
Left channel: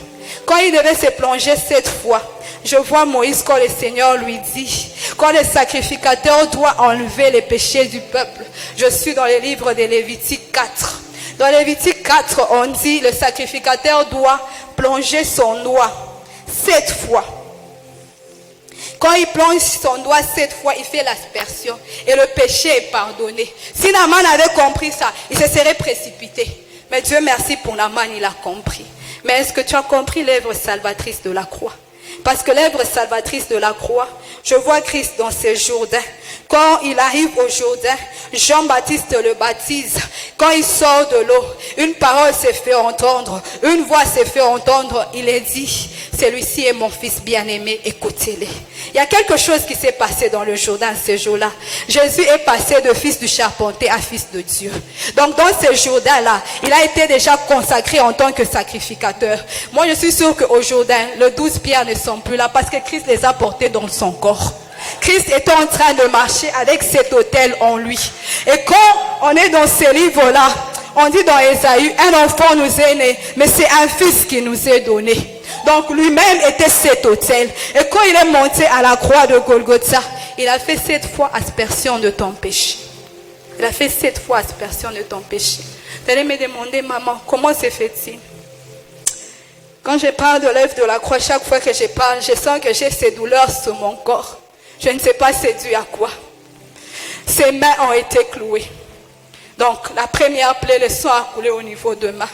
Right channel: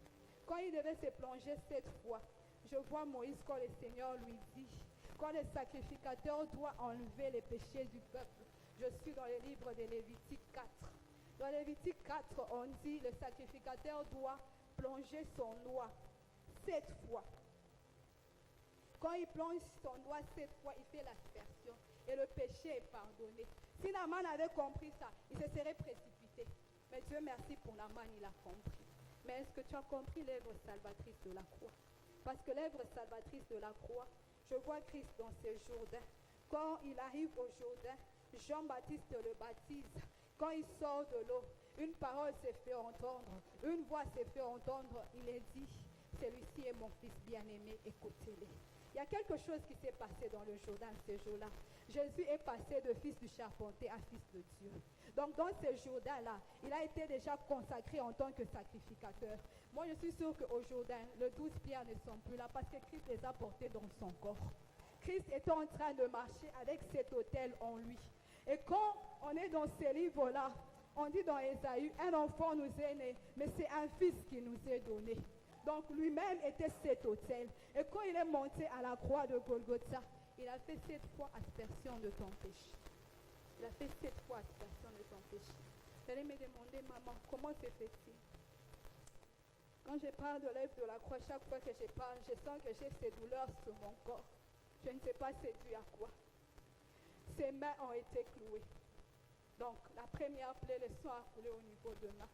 Quand il devait se plonger 7 fois, je vois Moïse quand le Seigneur lui dit, quand le sacrificateur doit enlever les péchés du peuple. Je suis dans le livre de Lévitique 4. Dans Lévitique 4, on dit, le sacrificateur doit plonger son doigt 7 fois. Quand il plonge son doigt 7 fois, il fait l'aspersion et le péché est pardonné. Si Naaman avait compris ça, il se serait précipité. Mais Dieu merci pour Naaman, il a compris. Mais est-ce que tu as compris l'œuvre salvatrice de la croix? Parce que l'œuvre salvatrice de la croix, je vois Christ dans ce Jourdain. Quand il arrive au Jourdain, Jean-Baptiste le baptise. Quand il sort de l'eau, une parole s'est fait entendre, une voix s'est fait entendre. Il est dit, celui-ci est mon fils bien-aimé, écoutez-le. Il y a quelque chose qui s'est passé dans le Jourdain ce jour-là. Jésus est passé de fils du charpentier à fils de Dieu. Donc dans ce Jourdain-là, il a été déjà consacré en tant que sacrificateur. Moi je suis sûre qu'au Jourdain, les 12 pierres ne sont plus là parce que Christ les a portées dans son corps. Christ est en train de marcher avec cet autel en lui. Et quand on est dans ces livres-là, on dit dans Ésaïe, un enfant nous est né, mais c'est un fils qui nous est donné. Donc lui-même était cet autel. Et quand il est monté à la croix de Golgotha, il a fait 7 fois aspersion de ton péché. Il a fait 7 fois aspersion de ton péché. Vous allez me demander, maman, comment se fait-il? Quand je parle de l'œuvre de la croix, chaque fois que je parle, je sens que j'ai ces douleurs sur mon corps. Je ne sais pas c'est dû à quoi. Ses mains ont été clouées. Donc, la première plaie, le sang a coulé au niveau de main.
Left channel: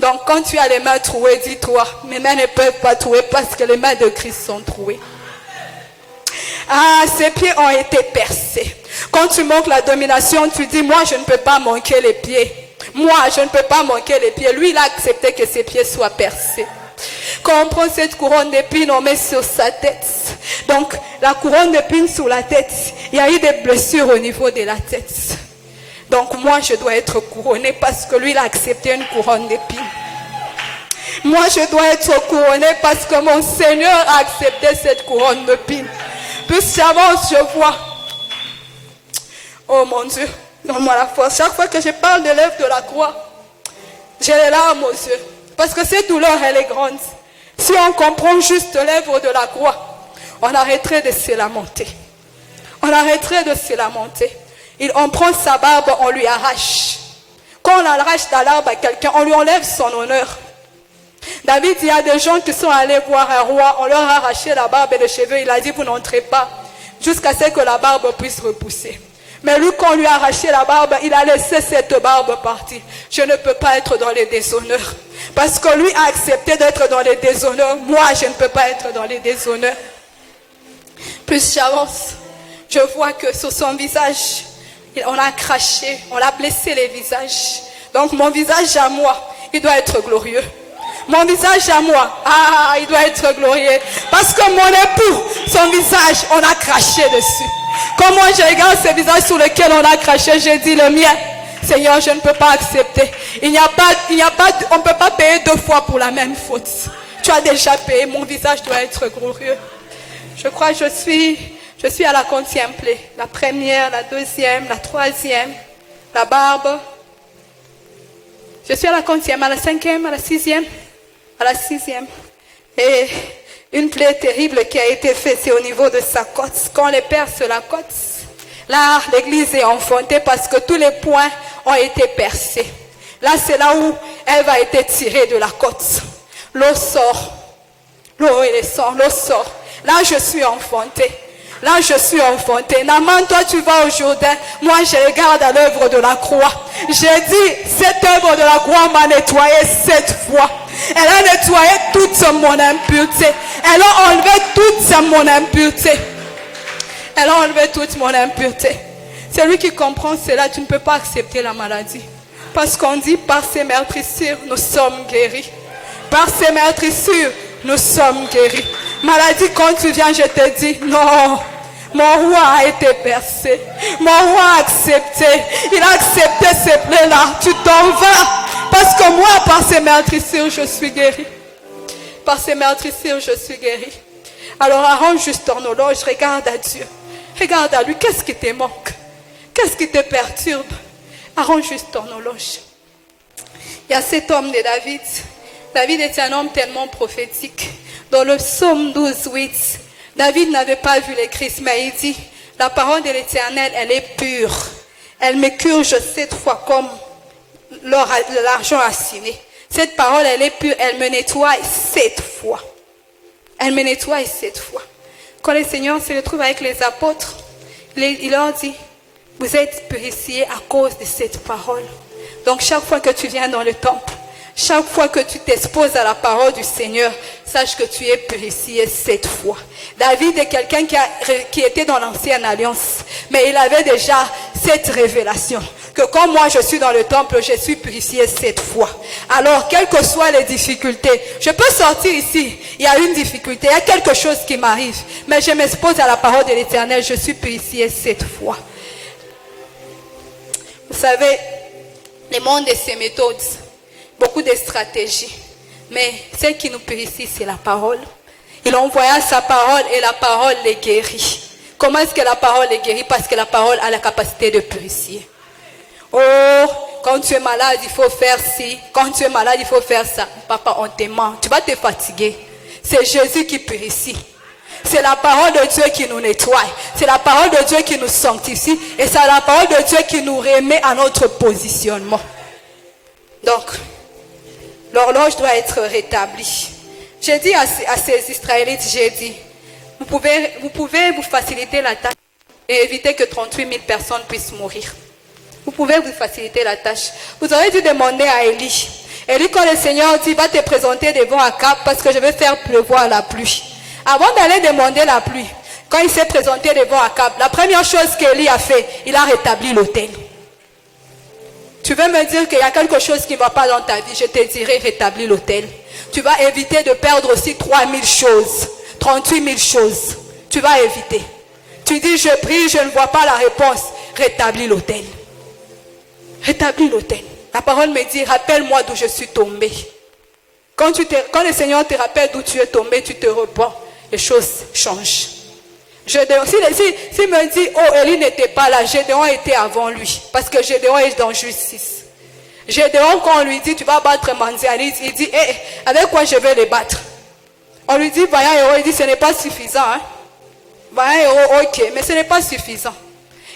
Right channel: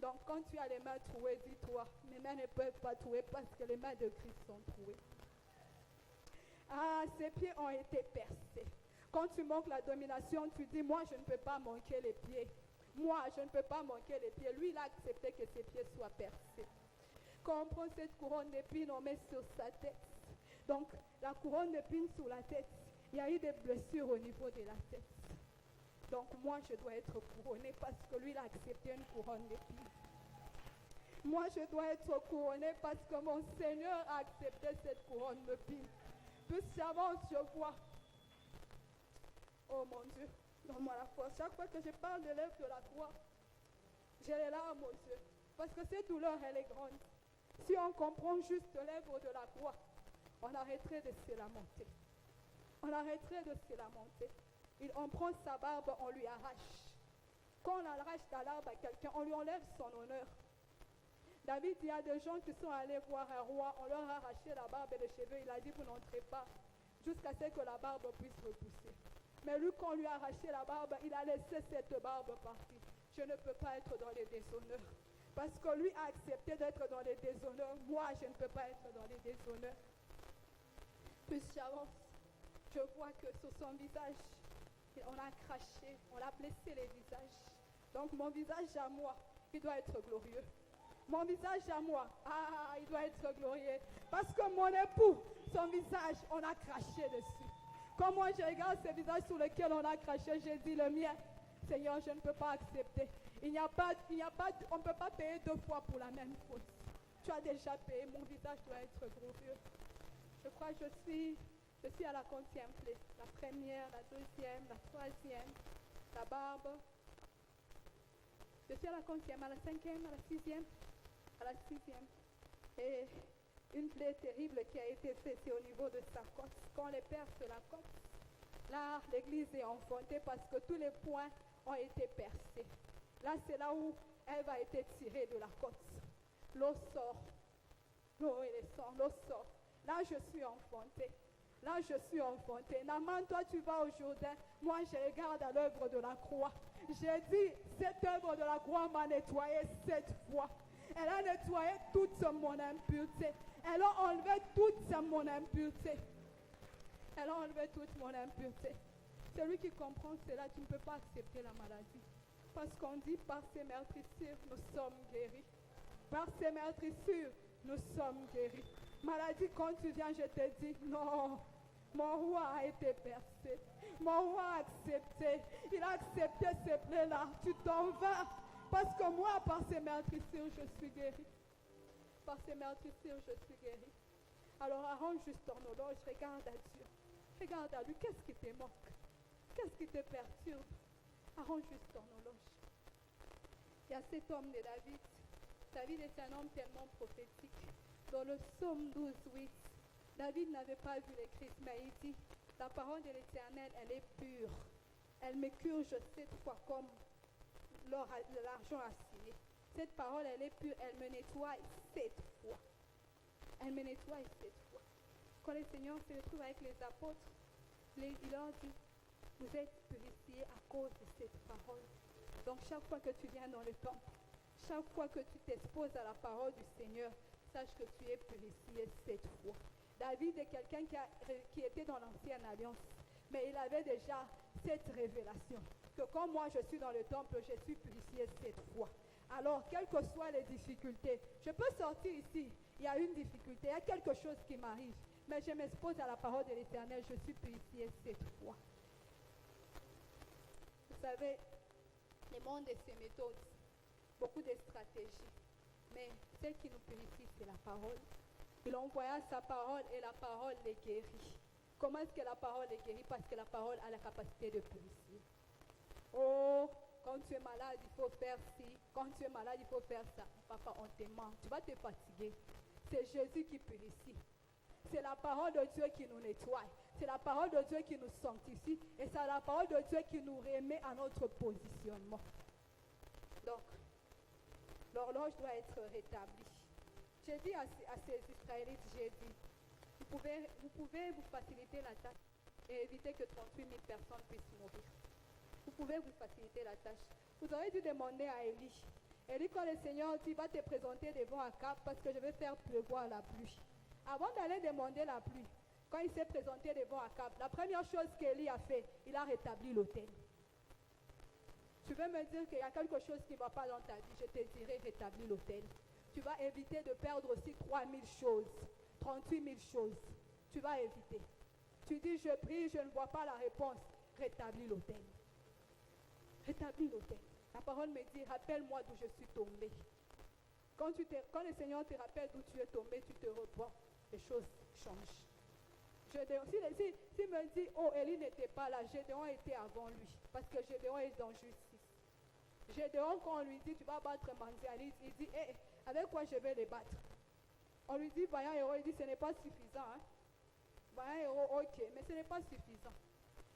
Donc, quand tu as les mains trouées, dis-toi, mes mains ne peuvent pas trouer parce que les mains de Christ sont trouées. Ah, ses pieds ont été percés. Quand tu manques la domination, tu dis, moi, je ne peux pas manquer les pieds. Moi, je ne peux pas manquer les pieds. Lui, il a accepté que ses pieds soient percés. Quand on prend cette couronne d'épines, on met sur sa tête. Donc, la couronne d'épines sur la tête, il y a eu des blessures au niveau de la tête. Donc, moi, je dois être couronnée parce que lui, il a accepté une couronne d'épines. Moi, je dois être couronnée parce que mon Seigneur a accepté cette couronne d'épines. Plus j'avance, je vois. Oh mon Dieu, donne-moi la force. Chaque fois que je parle de l'œuvre de la croix, j'ai les larmes aux yeux. Parce que cette douleur, elle est grande. Si on comprend juste l'œuvre de la croix, on arrêterait de se lamenter. On arrêterait de se lamenter. On prend sa barbe, on lui arrache. Quand on arrache la barbe à quelqu'un, on lui enlève son honneur. David, il y a des gens qui sont allés voir un roi, on leur a arraché la barbe et les cheveux, il a dit, vous n'entrez pas, jusqu'à ce que la barbe puisse repousser. Mais lui, quand on lui a arraché la barbe, il a laissé cette barbe partir. Je ne peux pas être dans les déshonneurs. Parce que lui a accepté d'être dans les déshonneurs. Moi, je ne peux pas être dans les déshonneurs. Plus j'avance, je vois que sur son visage, on a craché, on a blessé les visages. Donc mon visage à moi, il doit être glorieux. Mon visage à moi, il doit être glorieux. Parce que mon époux, son visage, on a craché dessus. Quand moi je regarde ce visage sur lequel on a craché, je dis le mien, Seigneur, je ne peux pas accepter. On ne peut pas payer 2 fois pour la même faute. Tu as déjà payé, mon visage doit être glorieux. Je crois que je suis à la 40e plaie. La première, la 2e, la 3e, la barbe. Je suis à la 40e, à la 5e, à la 6e, à la 6e. Et une plaie terrible qui a été faite, c'est au niveau de sa côte. Quand on les perce la côte, là, l'église est enfantée parce que tous les points ont été percés. Là, c'est là où elle va être tirée de la côte. L'eau sort. L'eau et le sang, l'eau sort. Là, je suis enfantée. Là, je suis enfantée. Naman, toi, tu vas au Jourdain. Moi, je regarde à l'œuvre de la croix. J'ai dit, cette œuvre de la croix m'a nettoyé 7 fois. Elle a nettoyé toute mon impureté. Elle a enlevé toute mon impureté. Elle a enlevé toute mon impureté. Celui qui comprend cela, tu ne peux pas accepter la maladie. Parce qu'on dit, par ses meurtrissures, nous sommes guéris. Par ses meurtrissures, nous sommes guéris. Maladie, quand tu viens, je te dis, non, mon roi a été percé. Mon roi a accepté. Il a accepté ces plaies-là. Tu t'en vas. Parce que moi, par ces meurtrissures, je suis guéri. Par ces meurtrissures, je suis guéri. Alors arrange juste ton horloge, regarde à Dieu. Regarde à lui, qu'est-ce qui te manque? Qu'est-ce qui te perturbe? Arrange juste ton horloge. Il y a cet homme de David. David était un homme tellement prophétique. Dans le psaume 12, 8, David n'avait pas vu le Christ, mais il dit, la parole de l'Éternel, elle est pure. Elle me purge 7 fois comme l'argent assiné. Cette parole, elle est pure, elle me nettoie 7 fois. Elle me nettoie 7 fois. Quand le Seigneur se retrouve avec les apôtres, il leur dit, vous êtes purifiés à cause de cette parole. Donc chaque fois que tu viens dans le temple, Chaque fois que tu t'exposes à la parole du Seigneur, sache que tu es purifié 7 fois. David est quelqu'un qui était dans l'ancienne alliance, mais il avait déjà cette révélation, que comme moi je suis dans le temple, je suis purifié 7 fois. Alors, quelles que soient les difficultés, je peux sortir ici, il y a une difficulté, il y a quelque chose qui m'arrive, mais je m'expose à la parole de l'Éternel, je suis purifié 7 fois. Vous savez, le monde et ses méthodes, beaucoup de stratégies. Mais ce qui nous purifie, c'est la parole. Il envoya sa parole et la parole les guérit. Comment est-ce que la parole les guérit? Parce que la parole a la capacité de purifier. Oh, quand tu es malade, il faut faire ci. Quand tu es malade, il faut faire ça. Papa, on te ment. Tu vas te fatiguer. C'est Jésus qui purifie. C'est la parole de Dieu qui nous nettoie. C'est la parole de Dieu qui nous sanctifie. Et c'est la parole de Dieu qui nous remet à notre positionnement. Donc, l'horloge doit être rétablie. J'ai dit à ces Israélites, j'ai dit, vous pouvez vous faciliter la tâche et éviter que 38 000 personnes puissent mourir. Vous pouvez vous faciliter la tâche. Vous aurez dû demander à Élie. Élie, quand le Seigneur dit, va te présenter devant Akab parce que je vais faire pleuvoir la pluie. Avant d'aller demander la pluie, quand il s'est présenté devant Akab, la première chose qu'Élie a fait, il a rétabli l'autel. Tu veux me dire qu'il y a quelque chose qui ne va pas dans ta vie, je te dirai rétablis l'autel. Tu vas éviter de perdre aussi 3000 choses, 38 000 choses. Tu vas éviter. Tu dis, je prie, je ne vois pas la réponse. Rétablis l'autel. Rétablis l'autel. La parole me dit, rappelle-moi d'où je suis tombé. Quand le Seigneur te rappelle d'où tu es tombé, tu te repens. Les choses changent. S'il me dit, oh, Élie n'était pas là, Gédéon était avant lui. Parce que Gédéon est dans justice. Gédéon, quand on lui dit, tu vas battre Mandiani, il dit, hey, avec quoi je vais les battre? On lui dit, vaillant héros, il dit, ce n'est pas suffisant. Hein? Vaillant héros, ok, mais ce n'est pas suffisant.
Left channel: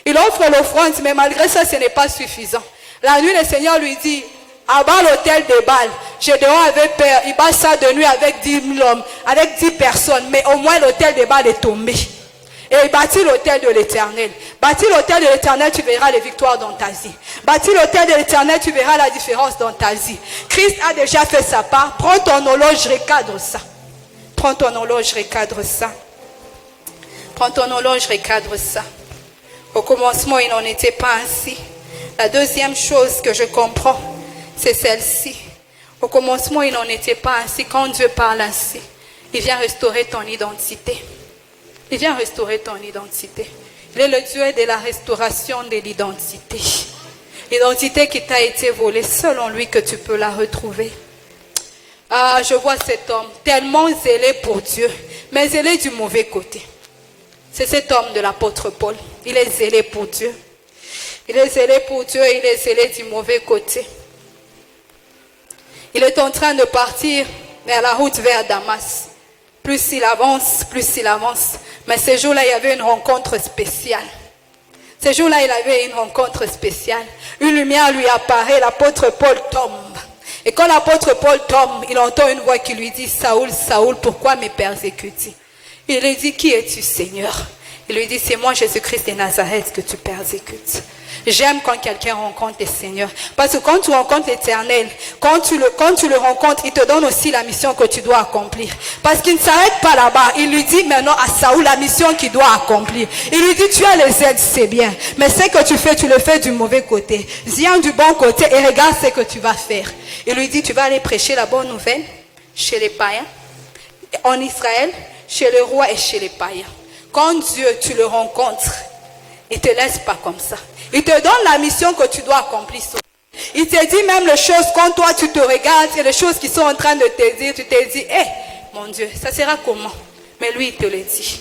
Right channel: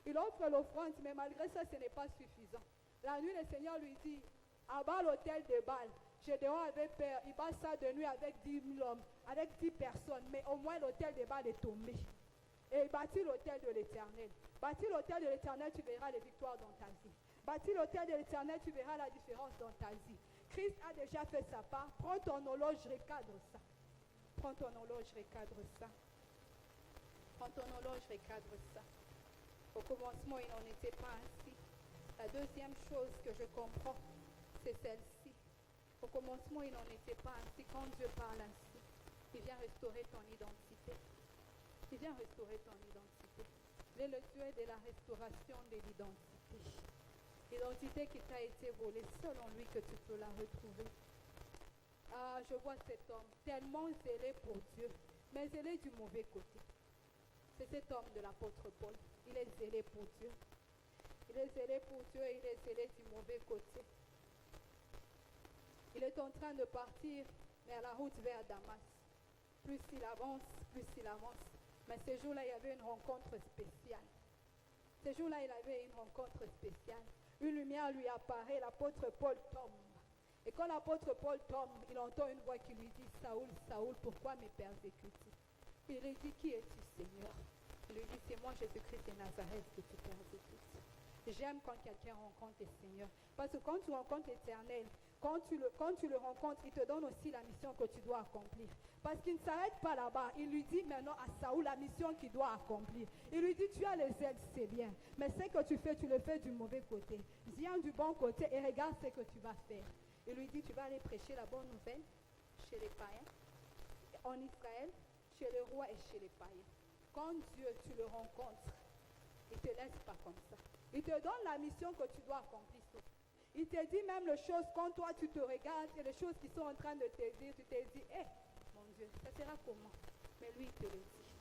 Il offre l'offrande, mais malgré ça, ce n'est pas suffisant. La nuit, le Seigneur lui dit, abat l'autel de Baal. Gédéon avait peur, il bat ça de nuit avec 10 000 hommes, avec 10 personnes, mais au moins l'autel de Baal est tombé. Et il bâtit l'autel de l'Éternel. Bâtis l'autel de l'Éternel, tu verras les victoires dans ta vie. Bâtis l'autel de l'Éternel, tu verras la différence dans ta vie. Christ a déjà fait sa part. Prends ton horloge, recadre ça. Prends ton horloge, recadre ça. Prends ton horloge, recadre ça. Au commencement, il n'en était pas ainsi. La deuxième chose que je comprends, c'est celle-ci. Au commencement, il n'en était pas ainsi. Quand Dieu parle ainsi, il vient restaurer ton identité. Il vient restaurer ton identité. Il est le Dieu de la restauration de l'identité. L'identité qui t'a été volée, selon lui que tu peux la retrouver. Ah, je vois cet homme tellement zélé pour Dieu, mais zélé du mauvais côté. C'est cet homme de l'apôtre Paul. Il est zélé pour Dieu. Il est zélé pour Dieu et il est zélé du mauvais côté. Il est en train de partir vers la route vers Damas. Plus il avance, Mais ce jour-là, il y avait une rencontre spéciale. Ce jour-là, il avait une rencontre spéciale. Une lumière lui apparaît, l'apôtre Paul tombe. Et quand l'apôtre Paul tombe, il entend une voix qui lui dit, Saoul, Saoul, pourquoi me persécutes-tu? Il lui dit, qui es-tu, Seigneur? Il lui dit, c'est moi, Jésus-Christ de Nazareth, que tu persécutes. J'aime quand quelqu'un rencontre le Seigneur. Parce que quand tu rencontres l'Éternel, quand tu le rencontres, il te donne aussi la mission que tu dois accomplir. Parce qu'il ne s'arrête pas là-bas. Il lui dit maintenant à Saoul la mission qu'il doit accomplir. Il lui dit, tu as les aides, c'est bien. Mais ce que tu fais, tu le fais du mauvais côté. Viens du bon côté et regarde ce que tu vas faire. Il lui dit, tu vas aller prêcher la bonne nouvelle chez les païens, en Israël, chez le roi et chez les païens. Quand Dieu, tu le rencontres, il ne te laisse pas comme ça. Il te donne la mission que tu dois accomplir. Il te dit même les choses quand toi tu te regardes et les choses qui sont en train de te dire, tu te dis, mon Dieu, ça sera comment? Mais lui, il te le dit.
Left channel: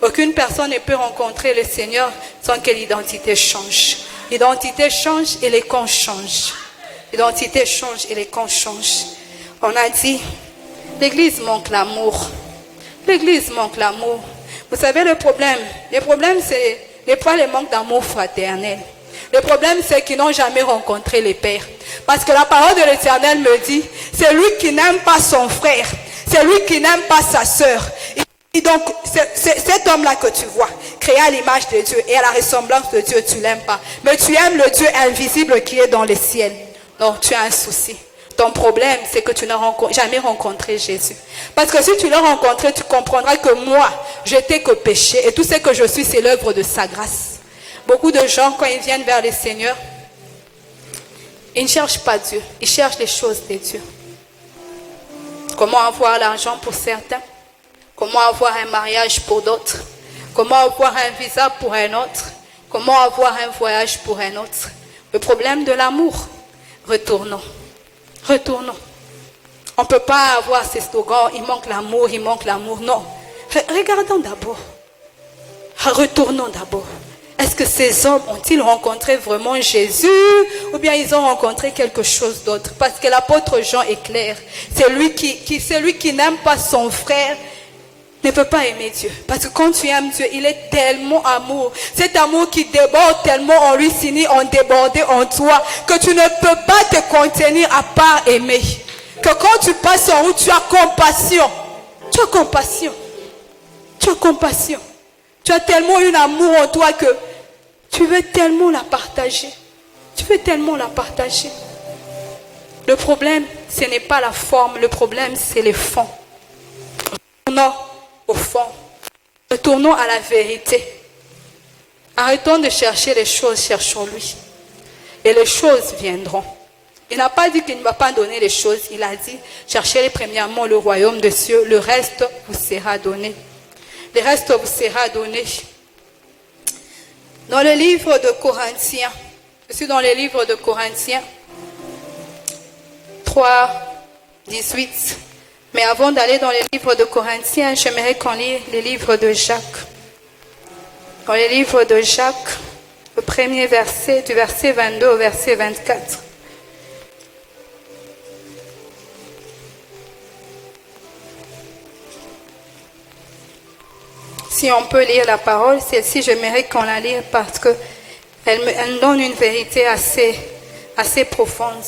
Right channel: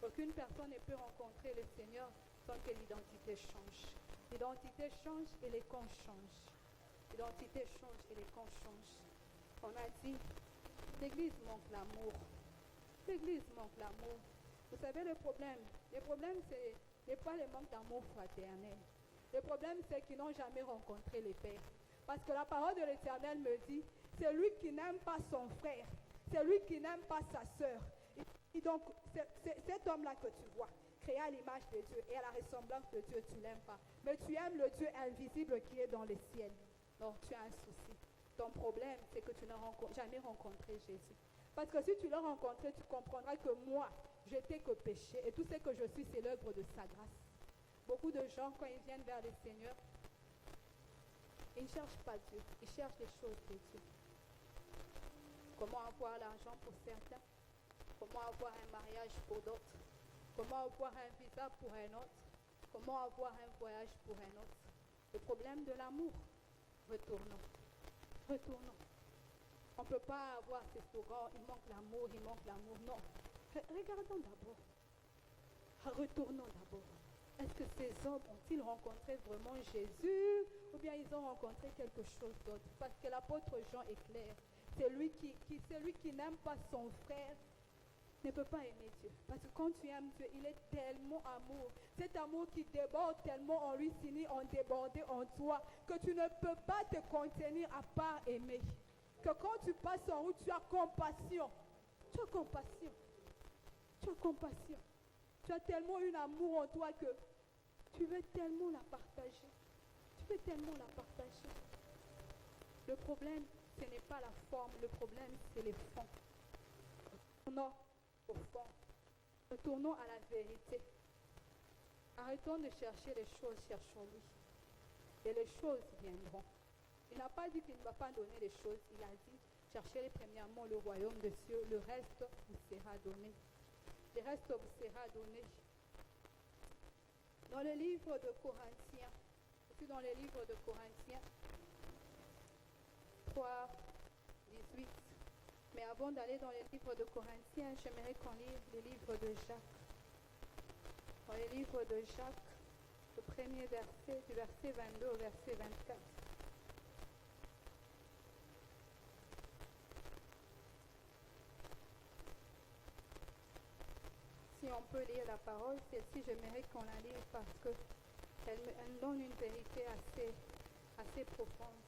Aucune personne ne peut rencontrer le Seigneur sans que l'identité change. L'identité change et les camps changent. L'identité change et les camps changent. On a dit, l'Église manque l'amour. L'Église manque l'amour. Vous savez le problème c'est pas le manque d'amour fraternel. Le problème, c'est qu'ils n'ont jamais rencontré les pères. Parce que la parole de l'Éternel me dit, c'est lui qui n'aime pas son frère. C'est lui qui n'aime pas sa sœur. Et donc, cet homme-là que tu vois, créé à l'image de Dieu et à la ressemblance de Dieu, tu ne l'aimes pas. Mais tu aimes le Dieu invisible qui est dans les ciels. Donc, tu as un souci. Ton problème, c'est que tu n'as jamais rencontré Jésus. Parce que si tu l'as rencontré, tu comprendras que moi, je n'étais que péché. Et tout ce que je suis, c'est l'œuvre de sa grâce. Beaucoup de gens, quand ils viennent vers le Seigneur, ils ne cherchent pas Dieu. Ils cherchent les choses de Dieu. Comment avoir l'argent pour certains? Comment avoir un mariage pour d'autres? Comment avoir un visa pour un autre? Comment avoir un voyage pour un autre? Le problème de l'amour. Retournons. Retournons. On ne peut pas avoir ces slogans, il manque l'amour, il manque l'amour. Non. Regardons d'abord. Retournons d'abord. Est-ce que ces hommes ont-ils rencontré vraiment Jésus ou bien ils ont rencontré quelque chose d'autre? Parce que l'apôtre Jean est clair. Celui qui n'aime pas son frère ne peut pas aimer Dieu. Parce que quand tu aimes Dieu, il est tellement amour. Cet amour qui déborde tellement en lui finit en déborder en toi que tu ne peux pas te contenir à part aimer. Que quand tu passes en route, tu as compassion. Tu as compassion. Tu as compassion. Tu as tellement un amour en toi que tu veux tellement la partager. Tu veux tellement la partager. Le problème, ce n'est pas la forme. Le problème, c'est le fond. Retournons au fond. Retournons à la vérité. Arrêtons de chercher les choses, cherchons-lui. Et les choses viendront. Il n'a pas dit qu'il ne va pas donner les choses. Il a dit, cherchez premièrement le royaume de Dieu. Le reste vous sera donné. Le reste vous sera donné. Dans le livre de Corinthiens, je suis dans le livre de Corinthiens 3, 18. Mais avant d'aller dans le livre de Corinthiens, j'aimerais qu'on lise le livre de Jacques. Dans le livre de Jacques, le premier verset, du verset 22 au verset 24. Si on peut lire la parole, celle-ci, j'aimerais qu'on la lise parce qu'elle donne une vérité assez profonde.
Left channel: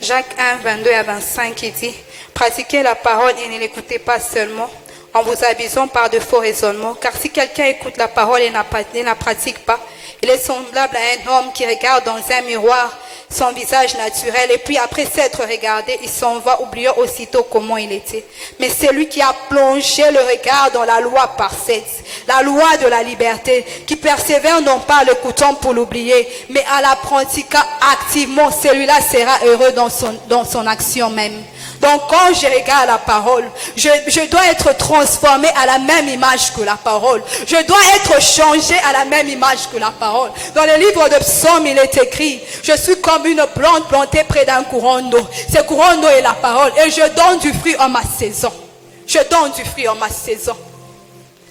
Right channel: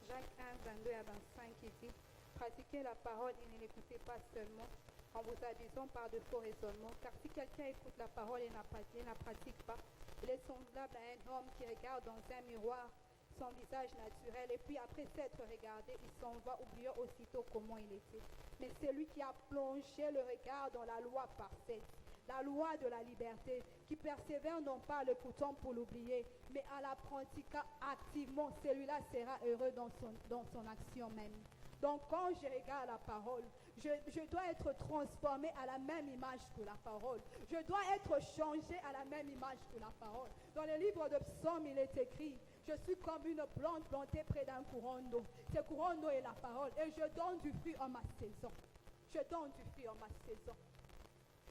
Jacques 1, 22 à 25, il dit, « Pratiquez la parole et ne l'écoutez pas seulement en vous abusant par de faux raisonnements, car si quelqu'un écoute la parole et ne la pratique pas, il est semblable à un homme qui regarde dans un miroir son visage naturel et puis après s'être regardé, il s'en va oubliant aussitôt comment il était. Mais celui qui a plongé le regard dans la loi parfaite, la loi de la liberté, qui persévère non pas en l'écoutant pour l'oublier, mais en la pratiquant activement, celui-là sera heureux dans son action même. Donc quand je regarde la parole, je dois être transformé à la même image que la parole. Je dois être changé à la même image que la parole. Dans le livre de Psaume, il est écrit, je suis comme une plante plantée près d'un courant d'eau. Ce courant d'eau est la parole et je donne du fruit en ma saison. Je donne du fruit en ma saison.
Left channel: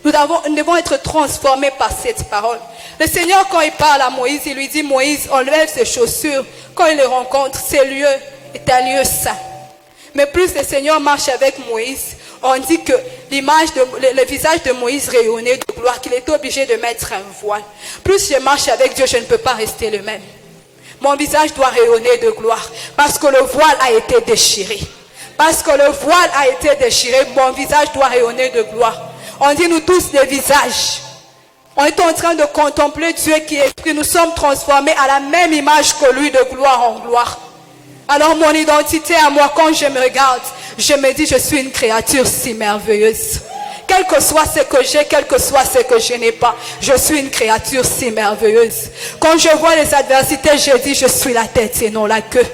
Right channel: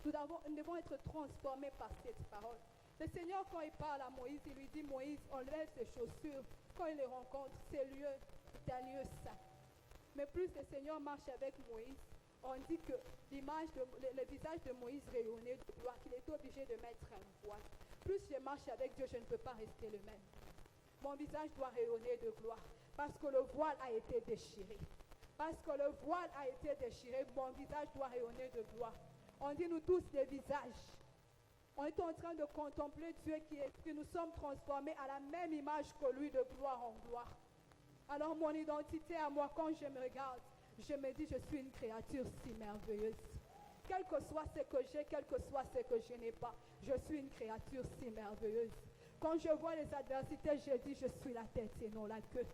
Nous devons être transformés par cette parole. Le Seigneur, quand il parle à Moïse, il lui dit, Moïse, enlève ses chaussures. Quand il le rencontre, ce lieu est un lieu saint. Mais plus le Seigneur marche avec Moïse, on dit que le visage de Moïse rayonnait de gloire, qu'il était obligé de mettre un voile. Plus je marche avec Dieu, je ne peux pas rester le même. Mon visage doit rayonner de gloire parce que le voile a été déchiré. Parce que le voile a été déchiré, mon visage doit rayonner de gloire. On dit nous tous des visages. On est en train de contempler Dieu qui est esprit. Nous sommes transformés à la même image que lui, de gloire en gloire. Alors mon identité à moi, quand je me regarde, je me dis, je suis une créature si merveilleuse. Quel que soit ce que j'ai, quel que soit ce que je n'ai pas, je suis une créature si merveilleuse. Quand je vois les adversités, je dis, je suis la tête et non la queue.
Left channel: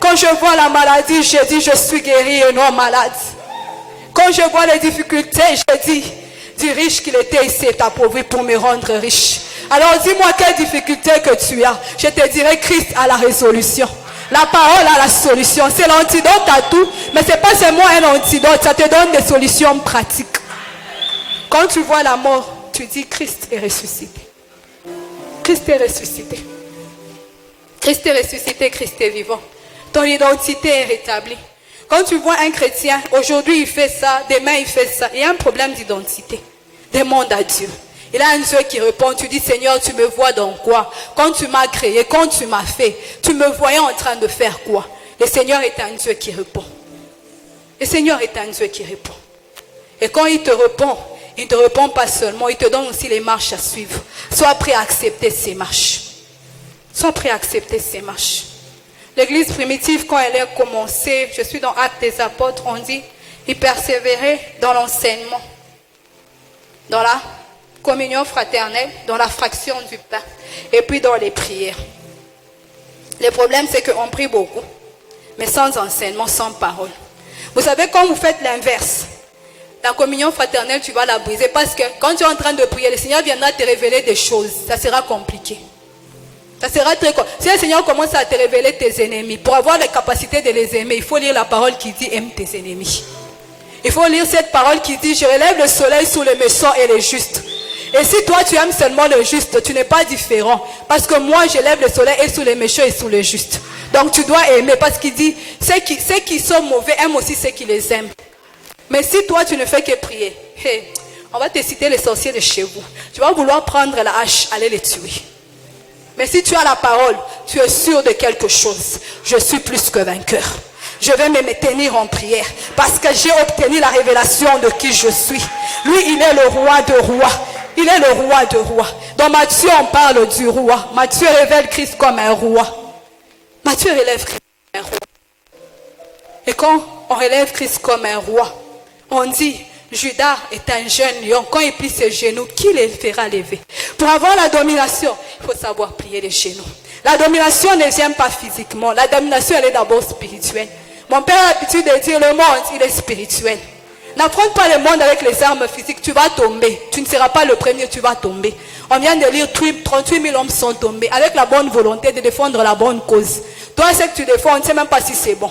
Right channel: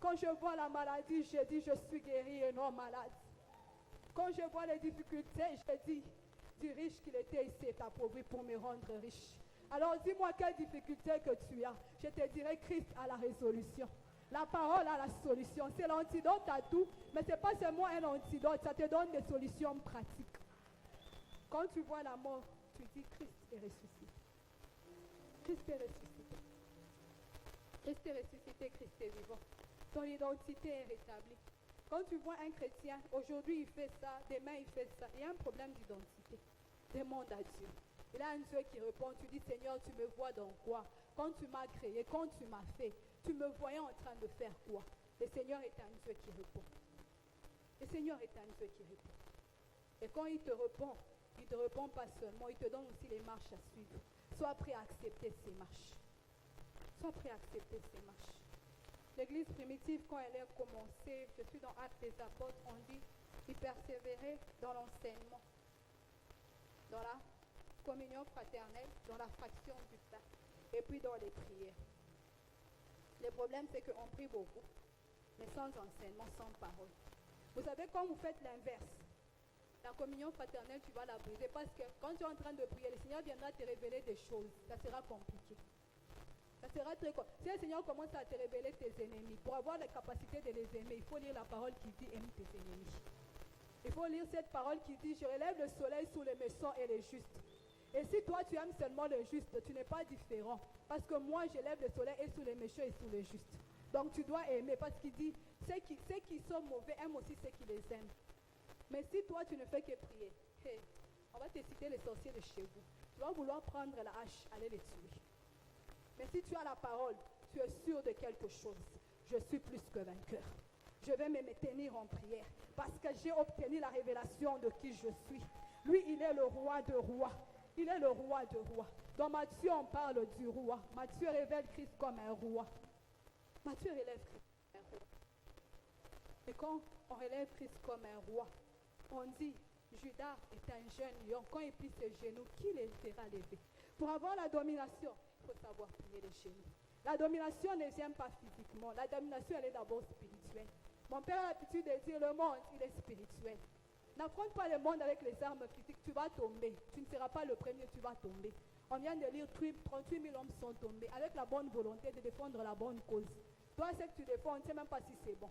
Quand je vois la maladie, je dis, je suis guéri et non malade. Quand je vois les difficultés, je dis, du riche qu'il était, il s'est appauvri pour me rendre riche. Alors dis-moi quelle difficulté que tu as. Je te dirai, Christ a la résolution. La parole a la solution. C'est l'antidote à tout. Mais ce n'est pas seulement un antidote. Ça te donne des solutions pratiques. Quand tu vois la mort, tu dis Christ est ressuscité. Christ est ressuscité. Christ est ressuscité, Christ est vivant. Ton identité est rétablie. Quand tu vois un chrétien, aujourd'hui il fait ça, demain il fait ça. Il y a un problème d'identité. Demande à Dieu. Il a un Dieu qui répond, tu dis Seigneur, tu me vois dans quoi? Quand tu m'as créé, quand tu m'as fait, tu me voyais en train de faire quoi? Le Seigneur est un Dieu qui répond. Le Seigneur est un Dieu qui répond. Et quand il te répond pas seulement, il te donne aussi les marches à suivre. Sois prêt à accepter ces marches. Sois prêt à accepter ces marches. l'église primitive, quand elle a commencé, je suis dans Actes des Apôtres, on dit, ils persévéraient dans l'enseignement, dans la communion fraternelle, dans la fraction du pain, et puis dans les prières. Le problème, c'est qu'on prie beaucoup, mais sans enseignement, sans parole. Vous savez, quand vous faites l'inverse, la communion fraternelle, tu vas la briser, parce que quand tu es en train de prier, le Seigneur viendra te révéler des choses, ça sera compliqué. Ça sera très compliqué. Si le Seigneur commence à te révéler tes ennemis, pour avoir la capacité de les aimer, il faut lire la parole qui dit « aime tes ennemis ». Il faut lire cette parole qui dit « je relève le soleil sur les méchants et les justes ». Et si toi tu aimes seulement le juste, tu n'es pas différent. Parce que moi je lève le soleil et sur les méchants et sur les justes. Donc tu dois aimer, parce qu'il dit ceux qui sont mauvais aiment aussi ceux qui les aiment. Mais si toi tu ne fais que prier, hey, on va te citer les sorciers de chez vous. Tu vas vouloir prendre la hache, aller les tuer. Mais si tu as la parole, tu es sûr de quelque chose. Je suis plus que vainqueur. Je vais me tenir en prière parce que j'ai obtenu la révélation de qui je suis. Lui, il est le roi de rois. Il est le roi de rois. Dans Matthieu, on parle du roi. Matthieu révèle Christ comme un roi. Matthieu relève Christ comme un roi. Et quand on relève Christ comme un roi, on dit, Judas est un jeune lion. Quand il plie ses genoux, qui les fera lever? Pour avoir la domination, il faut savoir plier les genoux. La domination ne vient pas physiquement. La domination, elle est d'abord spirituelle. Mon père a l'habitude de dire, le monde, il est spirituel. N'affronte pas le monde avec les armes physiques, tu vas tomber. Tu ne seras pas le premier, tu vas tomber. On vient de lire 38 000 hommes sont tombés avec la bonne volonté de défendre la bonne cause. Toi, ce que tu défends, on ne sait même pas si c'est bon.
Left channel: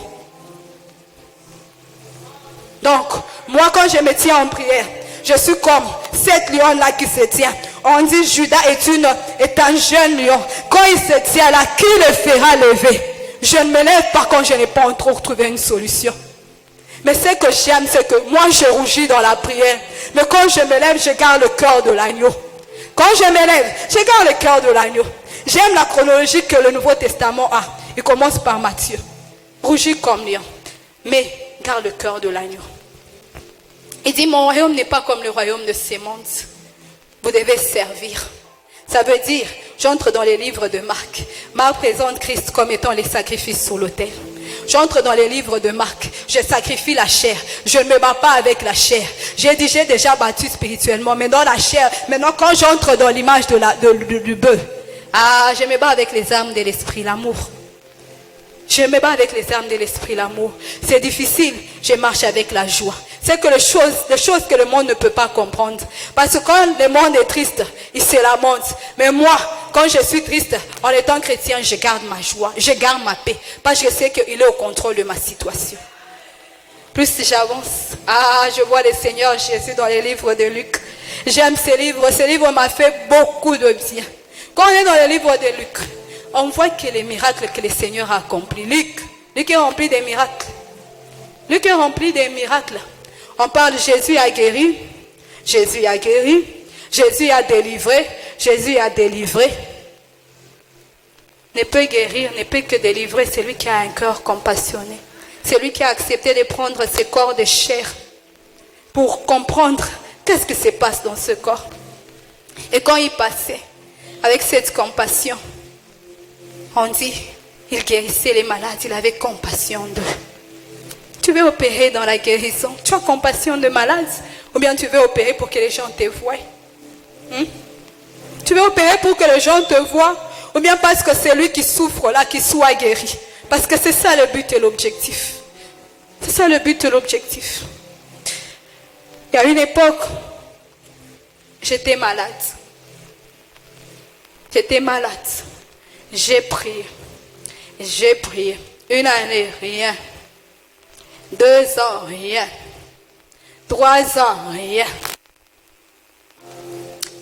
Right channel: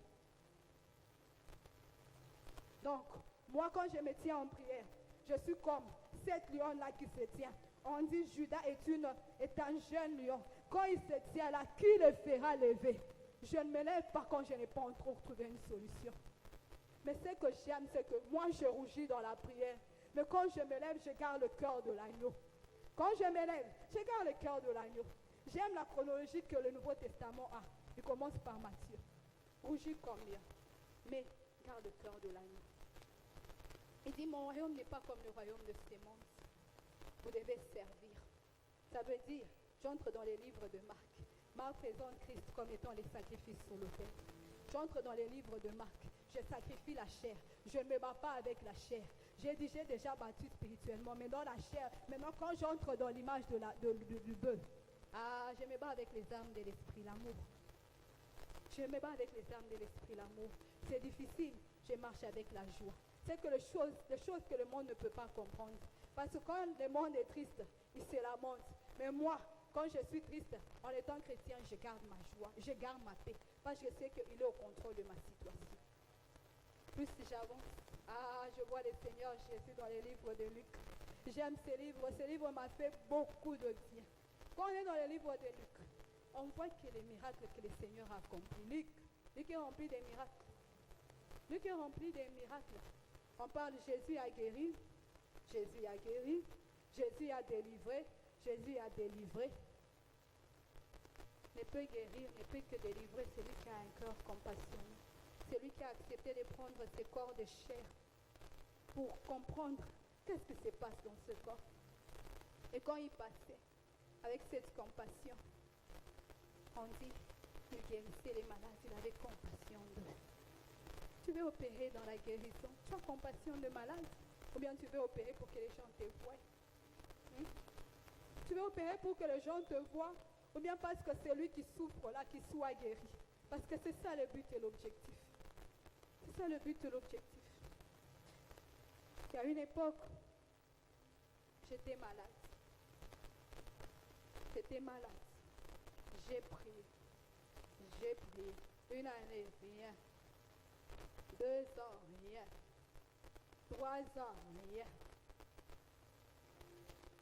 Donc, moi, quand je me tiens en prière, je suis comme cette lion-là qui se tient. On dit Judas est un jeune lion. Quand il se tient là, qui le fera lever? Je ne me lève pas quand je n'ai pas encore trouvé une solution. Mais ce que j'aime, c'est que moi, je rougis dans la prière. Mais quand je me lève, je garde le cœur de l'agneau. Quand je me lève, je garde le cœur de l'agneau. J'aime la chronologie que le Nouveau Testament a. Il commence par Matthieu. Rougis comme lion. Mais garde le cœur de l'agneau. Il dit, mon royaume n'est pas comme le royaume de ces mondes. Vous devez servir. Ça veut dire, j'entre dans les livres de Marc. Marc présente Christ comme étant les sacrifices sur l'autel. J'entre dans les livres de Marc. Je sacrifie la chair. Je ne me bats pas avec la chair. J'ai déjà battu spirituellement. Mais dans la chair, maintenant quand j'entre dans l'image du bœuf, je me bats avec les armes de l'esprit, l'amour. Je me bats avec les armes de l'esprit, l'amour. C'est difficile, je marche avec la joie. C'est que les choses que le monde ne peut pas comprendre. Parce que quand le monde est triste, il se lamente. Mais moi, quand je suis triste, en étant chrétien, je garde ma joie, je garde ma paix. Parce que je sais qu'il est au contrôle de ma situation. Plus j'avance, je vois le Seigneur Jésus dans les livres de Luc. J'aime ces livres. Ces livres m'ont fait beaucoup de bien. Quand on est dans les livres de Luc, on voit que les miracles que le Seigneur a accomplis. Luc est rempli des miracles. Luc est rempli des miracles. On parle Jésus a guéri, Jésus a guéri, Jésus a délivré, Jésus a délivré. Ne peut guérir, ne peut que délivrer celui qui a un cœur compassionné. Celui qui a accepté de prendre ce corps de chair pour comprendre qu'est-ce qui se passe dans ce corps. Et quand il passait avec cette compassion, on dit, il guérissait les malades, il avait compassion d'eux. Tu veux opérer dans la guérison, tu as compassion de malades, ou bien tu veux opérer pour que les gens te voient? Tu veux opérer pour que les gens te voient, ou bien parce que c'est lui qui souffre là, qui soit guéri? Parce que c'est ça le but et l'objectif. C'est ça le but et l'objectif. Il y a une époque, j'étais malade. J'étais malade. J'ai prié. J'ai prié. 1 année, rien. 2 ans, rien. 3 ans, rien.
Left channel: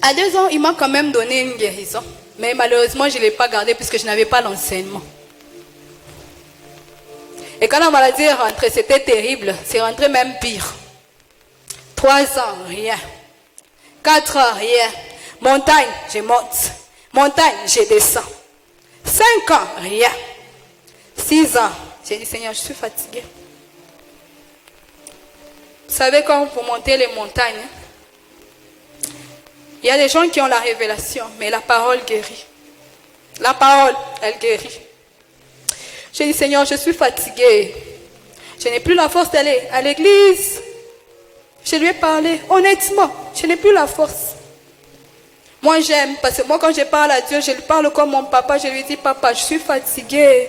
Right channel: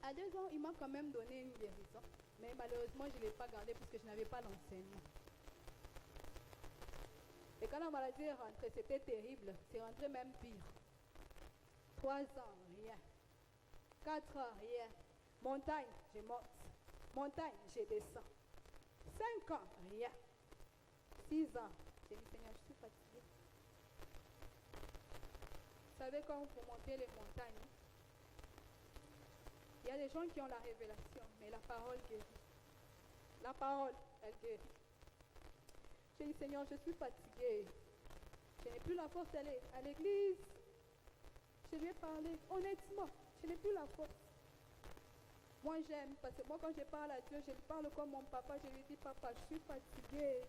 À 2 ans, il m'a quand même donné une guérison. Mais malheureusement, je ne l'ai pas gardée puisque je n'avais pas l'enseignement. Et quand la maladie est rentrée, c'était terrible. C'est rentré même pire. 3 ans, rien. 4 ans, rien. Montagne, je monte. Montagne, je descends. 5 ans, rien. 6 ans, j'ai dit, Seigneur, je suis fatiguée. Vous savez, quand vous montez les montagnes, il y a des gens qui ont la révélation, mais la parole guérit. La parole, elle guérit. J'ai dit, Seigneur, je suis fatiguée. Je n'ai plus la force d'aller à l'église. Je lui ai parlé honnêtement. Je n'ai plus la force. Moi, j'aime, parce que moi, quand je parle à Dieu, je lui parle comme mon papa. Je lui dis, papa, je suis fatiguée.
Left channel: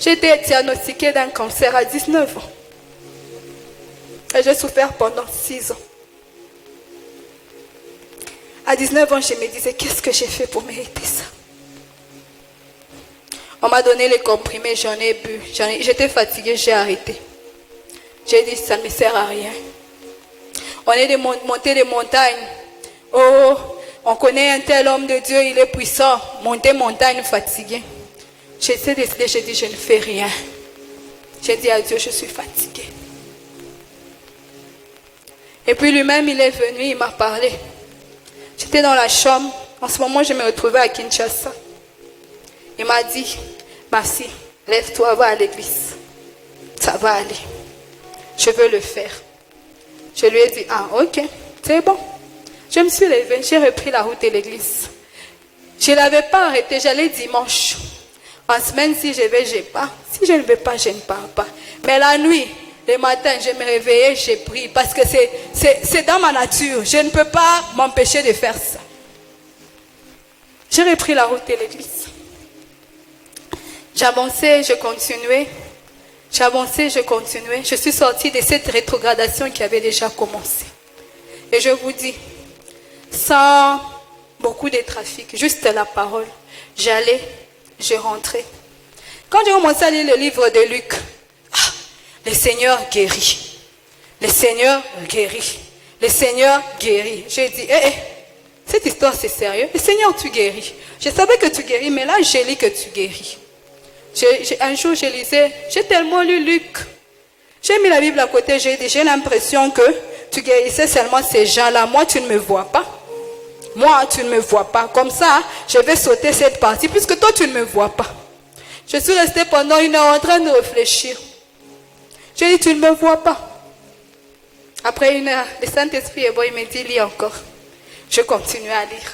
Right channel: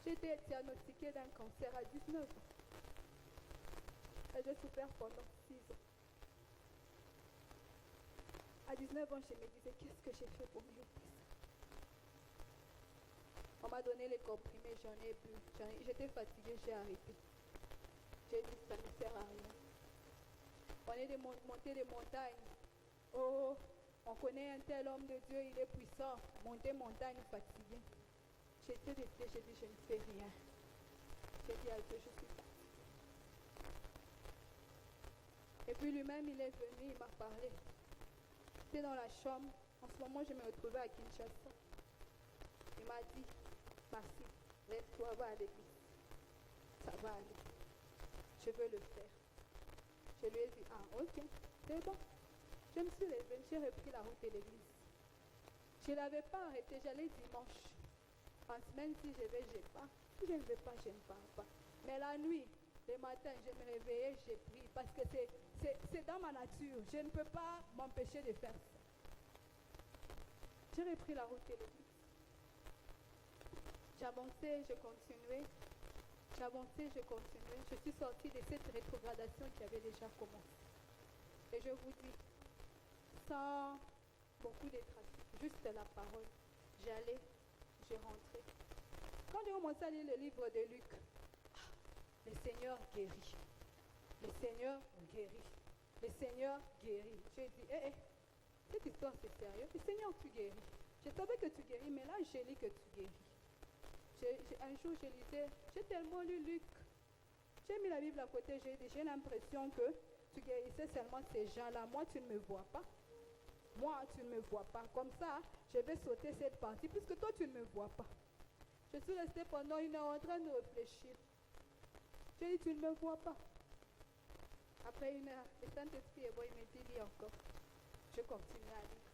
J'ai été diagnostiquée d'un cancer à 19 ans. Et j'ai souffert pendant 6 ans. À 19 ans, je me disais, qu'est-ce que j'ai fait pour mériter ça? On m'a donné les comprimés, j'en ai bu. J'étais fatiguée, j'ai arrêté. J'ai dit, ça ne me sert à rien. On est monté des montagnes. Oh, on connaît un tel homme de Dieu, il est puissant. Monter montagne fatigué. J'ai décidé, j'ai dit, je ne fais rien. J'ai dit à Dieu, je suis fatiguée. Et puis lui-même, il est venu, il m'a parlé. J'étais dans la chambre. En ce moment, je me retrouvais à Kinshasa. Il m'a dit, Merci, lève-toi, va à l'église. Ça va aller. Je veux le faire. Je lui ai dit, ah ok, c'est bon. Je me suis levée, j'ai repris la route de l'église. Je ne l'avais pas arrêté, j'allais dimanche. En semaine, si je vais, je pars. Si je ne vais pas, je ne pars pas. Mais la nuit, le matin, je me réveillais, j'ai prié. Parce que c'est dans ma nature. Je ne peux pas m'empêcher de faire ça. J'ai repris la route de l'église. J'avançais, je continuais. J'avançais, je continuais. Je suis sortie de cette rétrogradation qui avait déjà commencé. Et je vous dis, sans beaucoup de trafic, juste la parole, j'allais, je rentrais. Quand j'ai commencé à lire le livre de Luc, le Seigneur guérit. Le Seigneur guérit. Le Seigneur guérit. J'ai dit, cette histoire c'est sérieux. Le Seigneur, tu guéris. Je savais que tu guéris, mais là j'ai lu que tu guéris. Un jour je lisais, j'ai tellement lu Luc. J'ai mis la Bible à côté, j'ai dit, j'ai l'impression que tu guérissais seulement ces gens-là. Moi, tu ne me vois pas. Moi, tu ne me vois pas. Comme ça, je vais sauter cette partie, puisque toi, tu ne me vois pas. Je suis restée pendant 1 heure en train de réfléchir. J'ai dit, tu ne me vois pas. Après 1 heure, le Saint-Esprit est bon, il me dit, lis encore. Je continue à lire.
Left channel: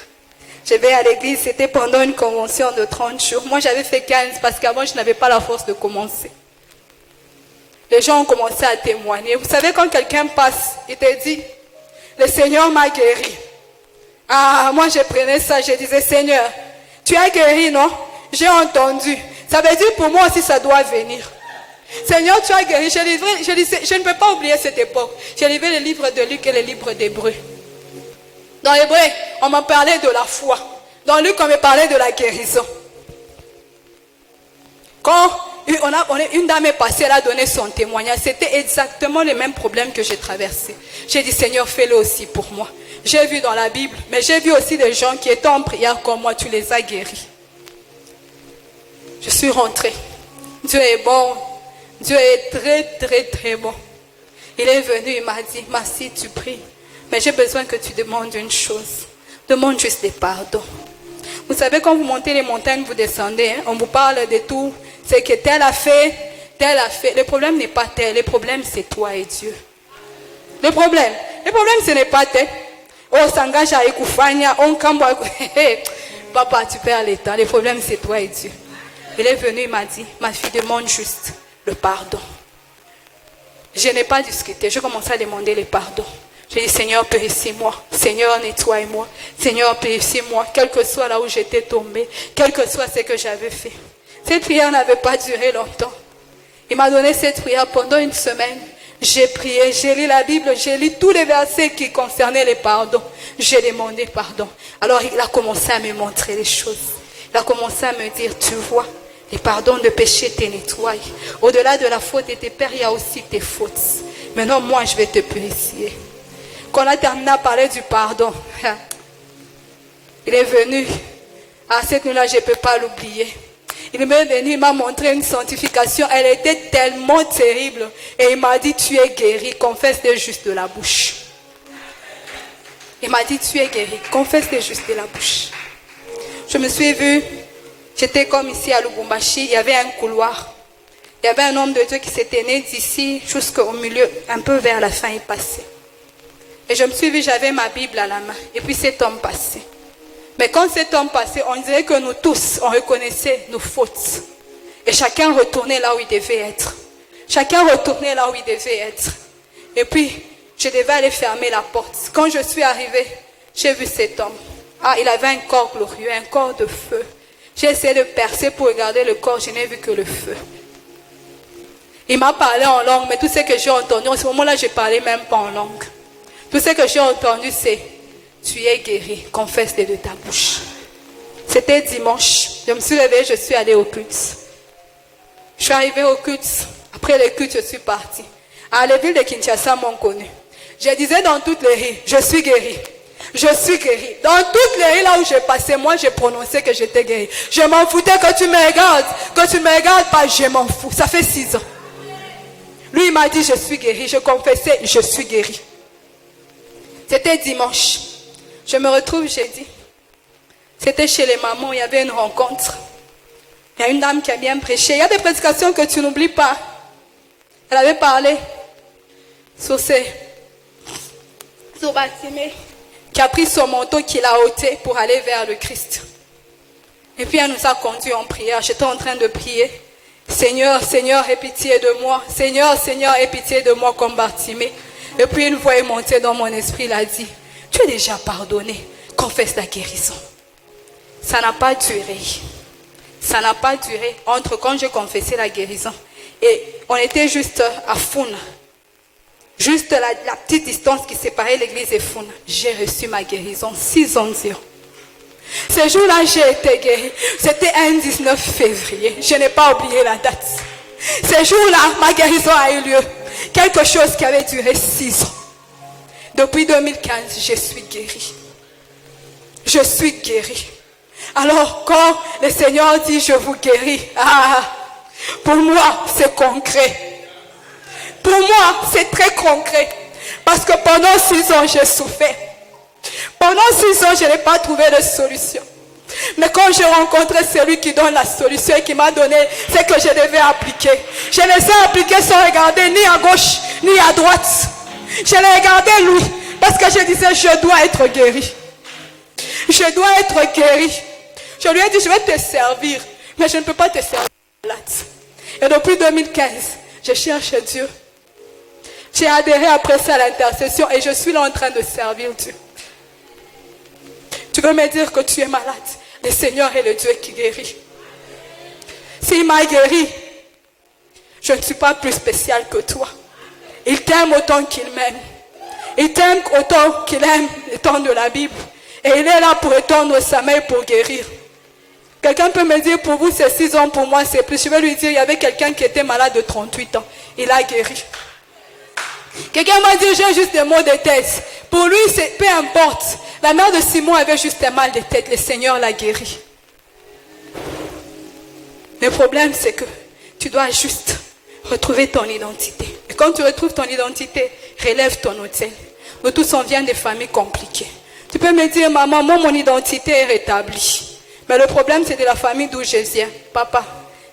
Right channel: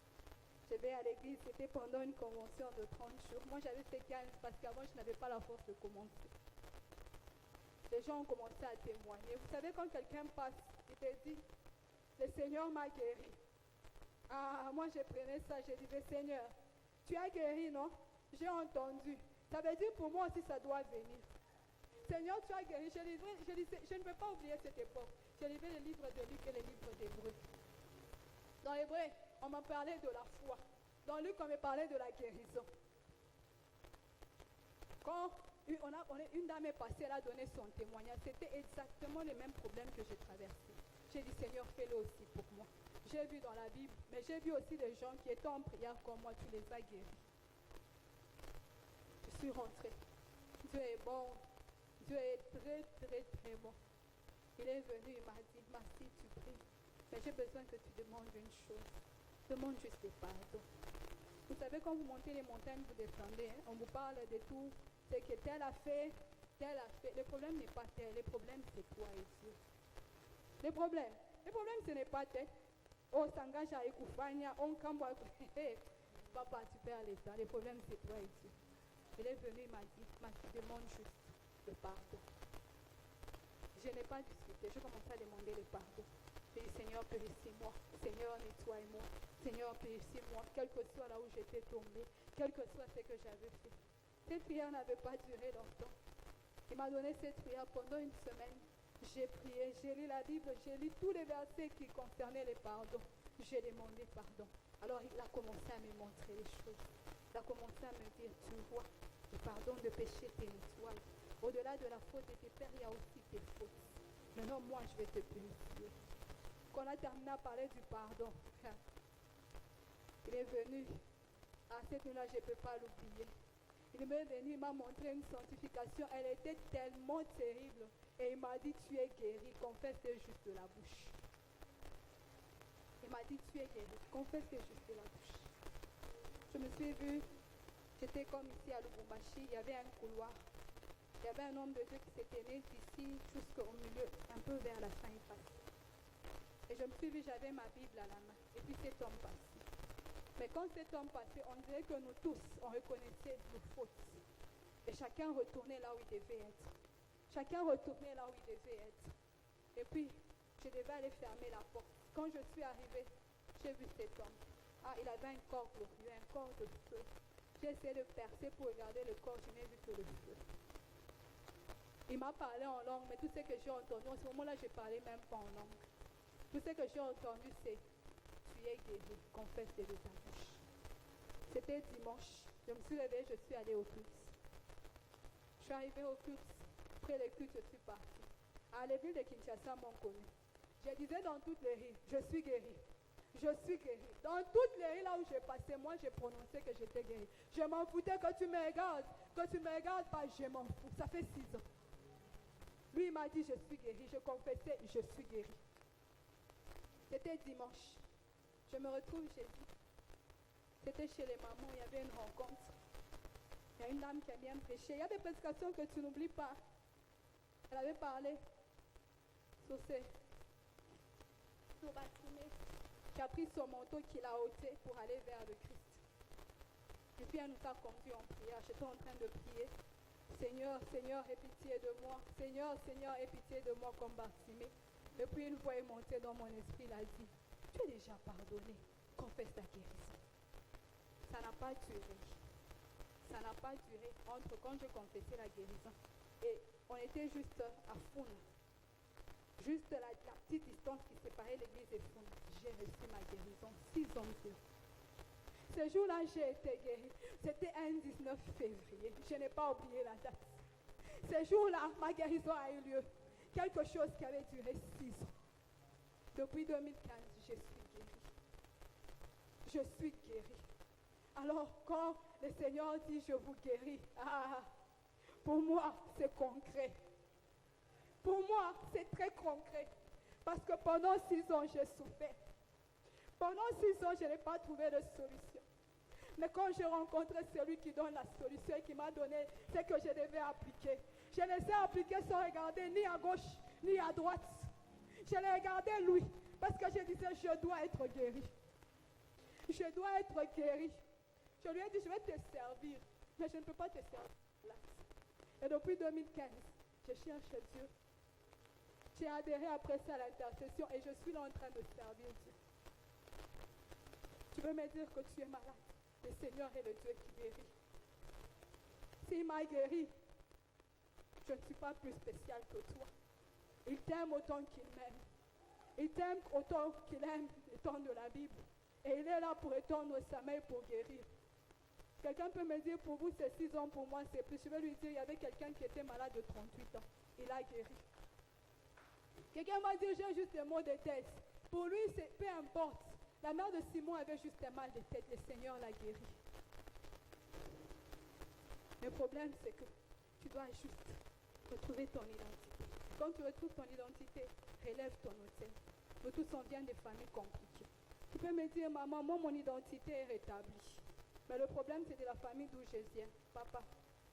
Je vais à l'église, c'était pendant une convention de 30 jours. Moi, j'avais fait 15 parce qu'avant, je n'avais pas la force de commencer. Les gens ont commencé à témoigner. Vous savez, quand quelqu'un passe, il te dit, le Seigneur m'a guéri. Ah, moi, je prenais ça, je disais, Seigneur, tu as guéri, non? J'ai entendu. Ça veut dire pour moi aussi, ça doit venir. Seigneur, tu as guéri. Je ne peux pas oublier cette époque. J'ai lu le livre de Luc et le livre d'Hébreu. Dans Hébreu, on m'a parlé de la foi. Dans Luc, on me parlait de la guérison. Quand une dame est passée, elle a donné son témoignage. C'était exactement le même problème que j'ai traversé. J'ai dit, Seigneur, fais-le aussi pour moi. J'ai vu dans la Bible, mais j'ai vu aussi des gens qui étaient en prière comme moi. Tu les as guéris. Je suis rentrée. Dieu est bon. Dieu est très, très, très bon. Il est venu, il m'a dit, merci, tu pries. Mais j'ai besoin que tu demandes une chose. Demande juste des pardons. Vous savez, quand vous montez les montagnes, vous descendez, on vous parle de tout. C'est que tel a fait, tel a fait. Le problème n'est pas tel, le problème c'est toi et Dieu. Le problème ce n'est pas tel. Oh, s'engage à Ekoufania, on cambo. Papa, tu perds le temps. Le problème c'est toi et Dieu. Il est venu, il m'a dit, ma fille, demande juste le pardon. Je n'ai pas discuté, je commençais à demander le pardon. J'ai dit, Seigneur, purifie-moi. Seigneur, nettoie-moi. Seigneur, purifie-moi. Quel que soit là où j'étais tombée, quel que soit ce que j'avais fait. Cette prière n'avait pas duré longtemps. Il m'a donné cette prière pendant 1 semaine. J'ai prié, j'ai lu la Bible, j'ai lu tous les versets qui concernaient les pardons. J'ai demandé pardon. Alors il a commencé à me montrer les choses. Il a commencé à me dire, tu vois, les pardons de péché te nettoient. Au-delà de la faute de tes pères, il y a aussi tes fautes. Maintenant, moi, je vais te purifier. Quand on a terminé à parler du pardon, il est venu. À cette nuit-là, je ne peux pas l'oublier. Il m'est venu, il m'a montré une sanctification. Elle était tellement terrible. Et il m'a dit, tu es guéri, confesse-le juste de la bouche. Il m'a dit, tu es guéri, confesse-le juste de la bouche. Je me suis vue, j'étais comme ici à Lubumbashi, il y avait un couloir. Il y avait un homme de Dieu qui s'était né d'ici jusqu'au milieu, un peu vers la fin, il passait. Et je me suis vue, j'avais ma Bible à la main. Et puis cet homme passait. Mais quand cet homme passait, on dirait que nous tous, on reconnaissait nos fautes. Et chacun retournait là où il devait être. Chacun retournait là où il devait être. Et puis, je devais aller fermer la porte. Quand je suis arrivée, j'ai vu cet homme. Ah, il avait un corps glorieux, un corps de feu. J'ai essayé de percer pour regarder le corps, je n'ai vu que le feu. Il m'a parlé en langue, mais tout ce que j'ai entendu, en ce moment-là, je ne parlais même pas en langue. Tout ce que j'ai entendu, c'est « Tu es guéri, confesse-le de ta bouche ». C'était dimanche. Je me suis levée, je suis allée au culte. Je suis arrivée au culte. Après le culte, je suis partie. À la ville de Kinshasa m'ont connu. Je disais dans toutes les rues, je suis guérie. Je suis guérie. Dans toutes les rues là où je passais, moi j'ai prononcé que j'étais guérie. Je m'en foutais que tu me regardes. Que tu ne me regardes pas, je m'en fous. Ça fait 6 ans. Lui il m'a dit je suis guérie. Je confessais, je suis guérie. C'était dimanche. Je me retrouve jeudi. C'était chez les mamans, il y avait une rencontre. Il y a une dame qui a bien prêché. Il y a des prédications que tu n'oublies pas. Elle avait parlé sur Bartimée, qui a pris son manteau, qui l'a ôté pour aller vers le Christ. Et puis elle nous a conduits en prière. J'étais en train de prier. Seigneur, Seigneur, aie pitié de moi. Seigneur, Seigneur, aie pitié de moi comme Bartimée. Et puis une voix est montée dans mon esprit, il a dit, tu es déjà pardonné, confesse la guérison. Ça n'a pas duré. Ça n'a pas duré entre quand j'ai confessé la guérison. Et on était juste à Founa. Juste la petite distance qui séparait l'église et Founa. J'ai reçu ma guérison 6 ans durant. Ce jour-là, j'ai été guérie. C'était un 19 février. Je n'ai pas oublié la date. Ce jour-là, ma guérison a eu lieu. Quelque chose qui avait duré 6 ans. Depuis 2015, je suis guérie. Je suis guérie. Alors, quand le Seigneur dit, je vous guéris, pour moi, c'est concret. Pour moi, c'est très concret. Parce que pendant 6 ans, j'ai souffert. Pendant 6 ans, je n'ai pas trouvé de solution. Mais quand j'ai rencontré celui qui donne la solution et qui m'a donné ce que je devais appliquer, je les ai appliqués sans regarder ni à gauche, ni à droite. Je l'ai regardé lui, parce que je disais, je dois être guéri. Je dois être guéri. Je lui ai dit, je vais te servir, mais je ne peux pas te servir malade. Et depuis 2015, je cherche Dieu. J'ai adhéré après ça à l'intercession et je suis là en train de servir Dieu. Tu veux me dire que tu es malade? Le Seigneur est le Dieu qui guérit. S'il m'a guéri, je ne suis pas plus spécial que toi. Il t'aime autant qu'il m'aime. Il t'aime autant qu'il aime le temps de la Bible. Et il est là pour étendre sa main pour guérir. Quelqu'un peut me dire, pour vous c'est 6 ans, pour moi c'est plus. Je vais lui dire, il y avait quelqu'un qui était malade de 38 ans. Il a guéri. Quelqu'un m'a dit, j'ai juste des maux de tête. Pour lui, c'est peu importe. La mère de Simon avait juste un mal de tête. Le Seigneur l'a guéri. Le problème, c'est que tu dois juste retrouver ton identité. Et quand tu retrouves ton identité, relève ton autel. Nous tous, on vient de familles compliquées. Tu peux me dire, maman, moi, mon identité est rétablie. Mais le problème, c'est de la famille d'où je viens. Papa,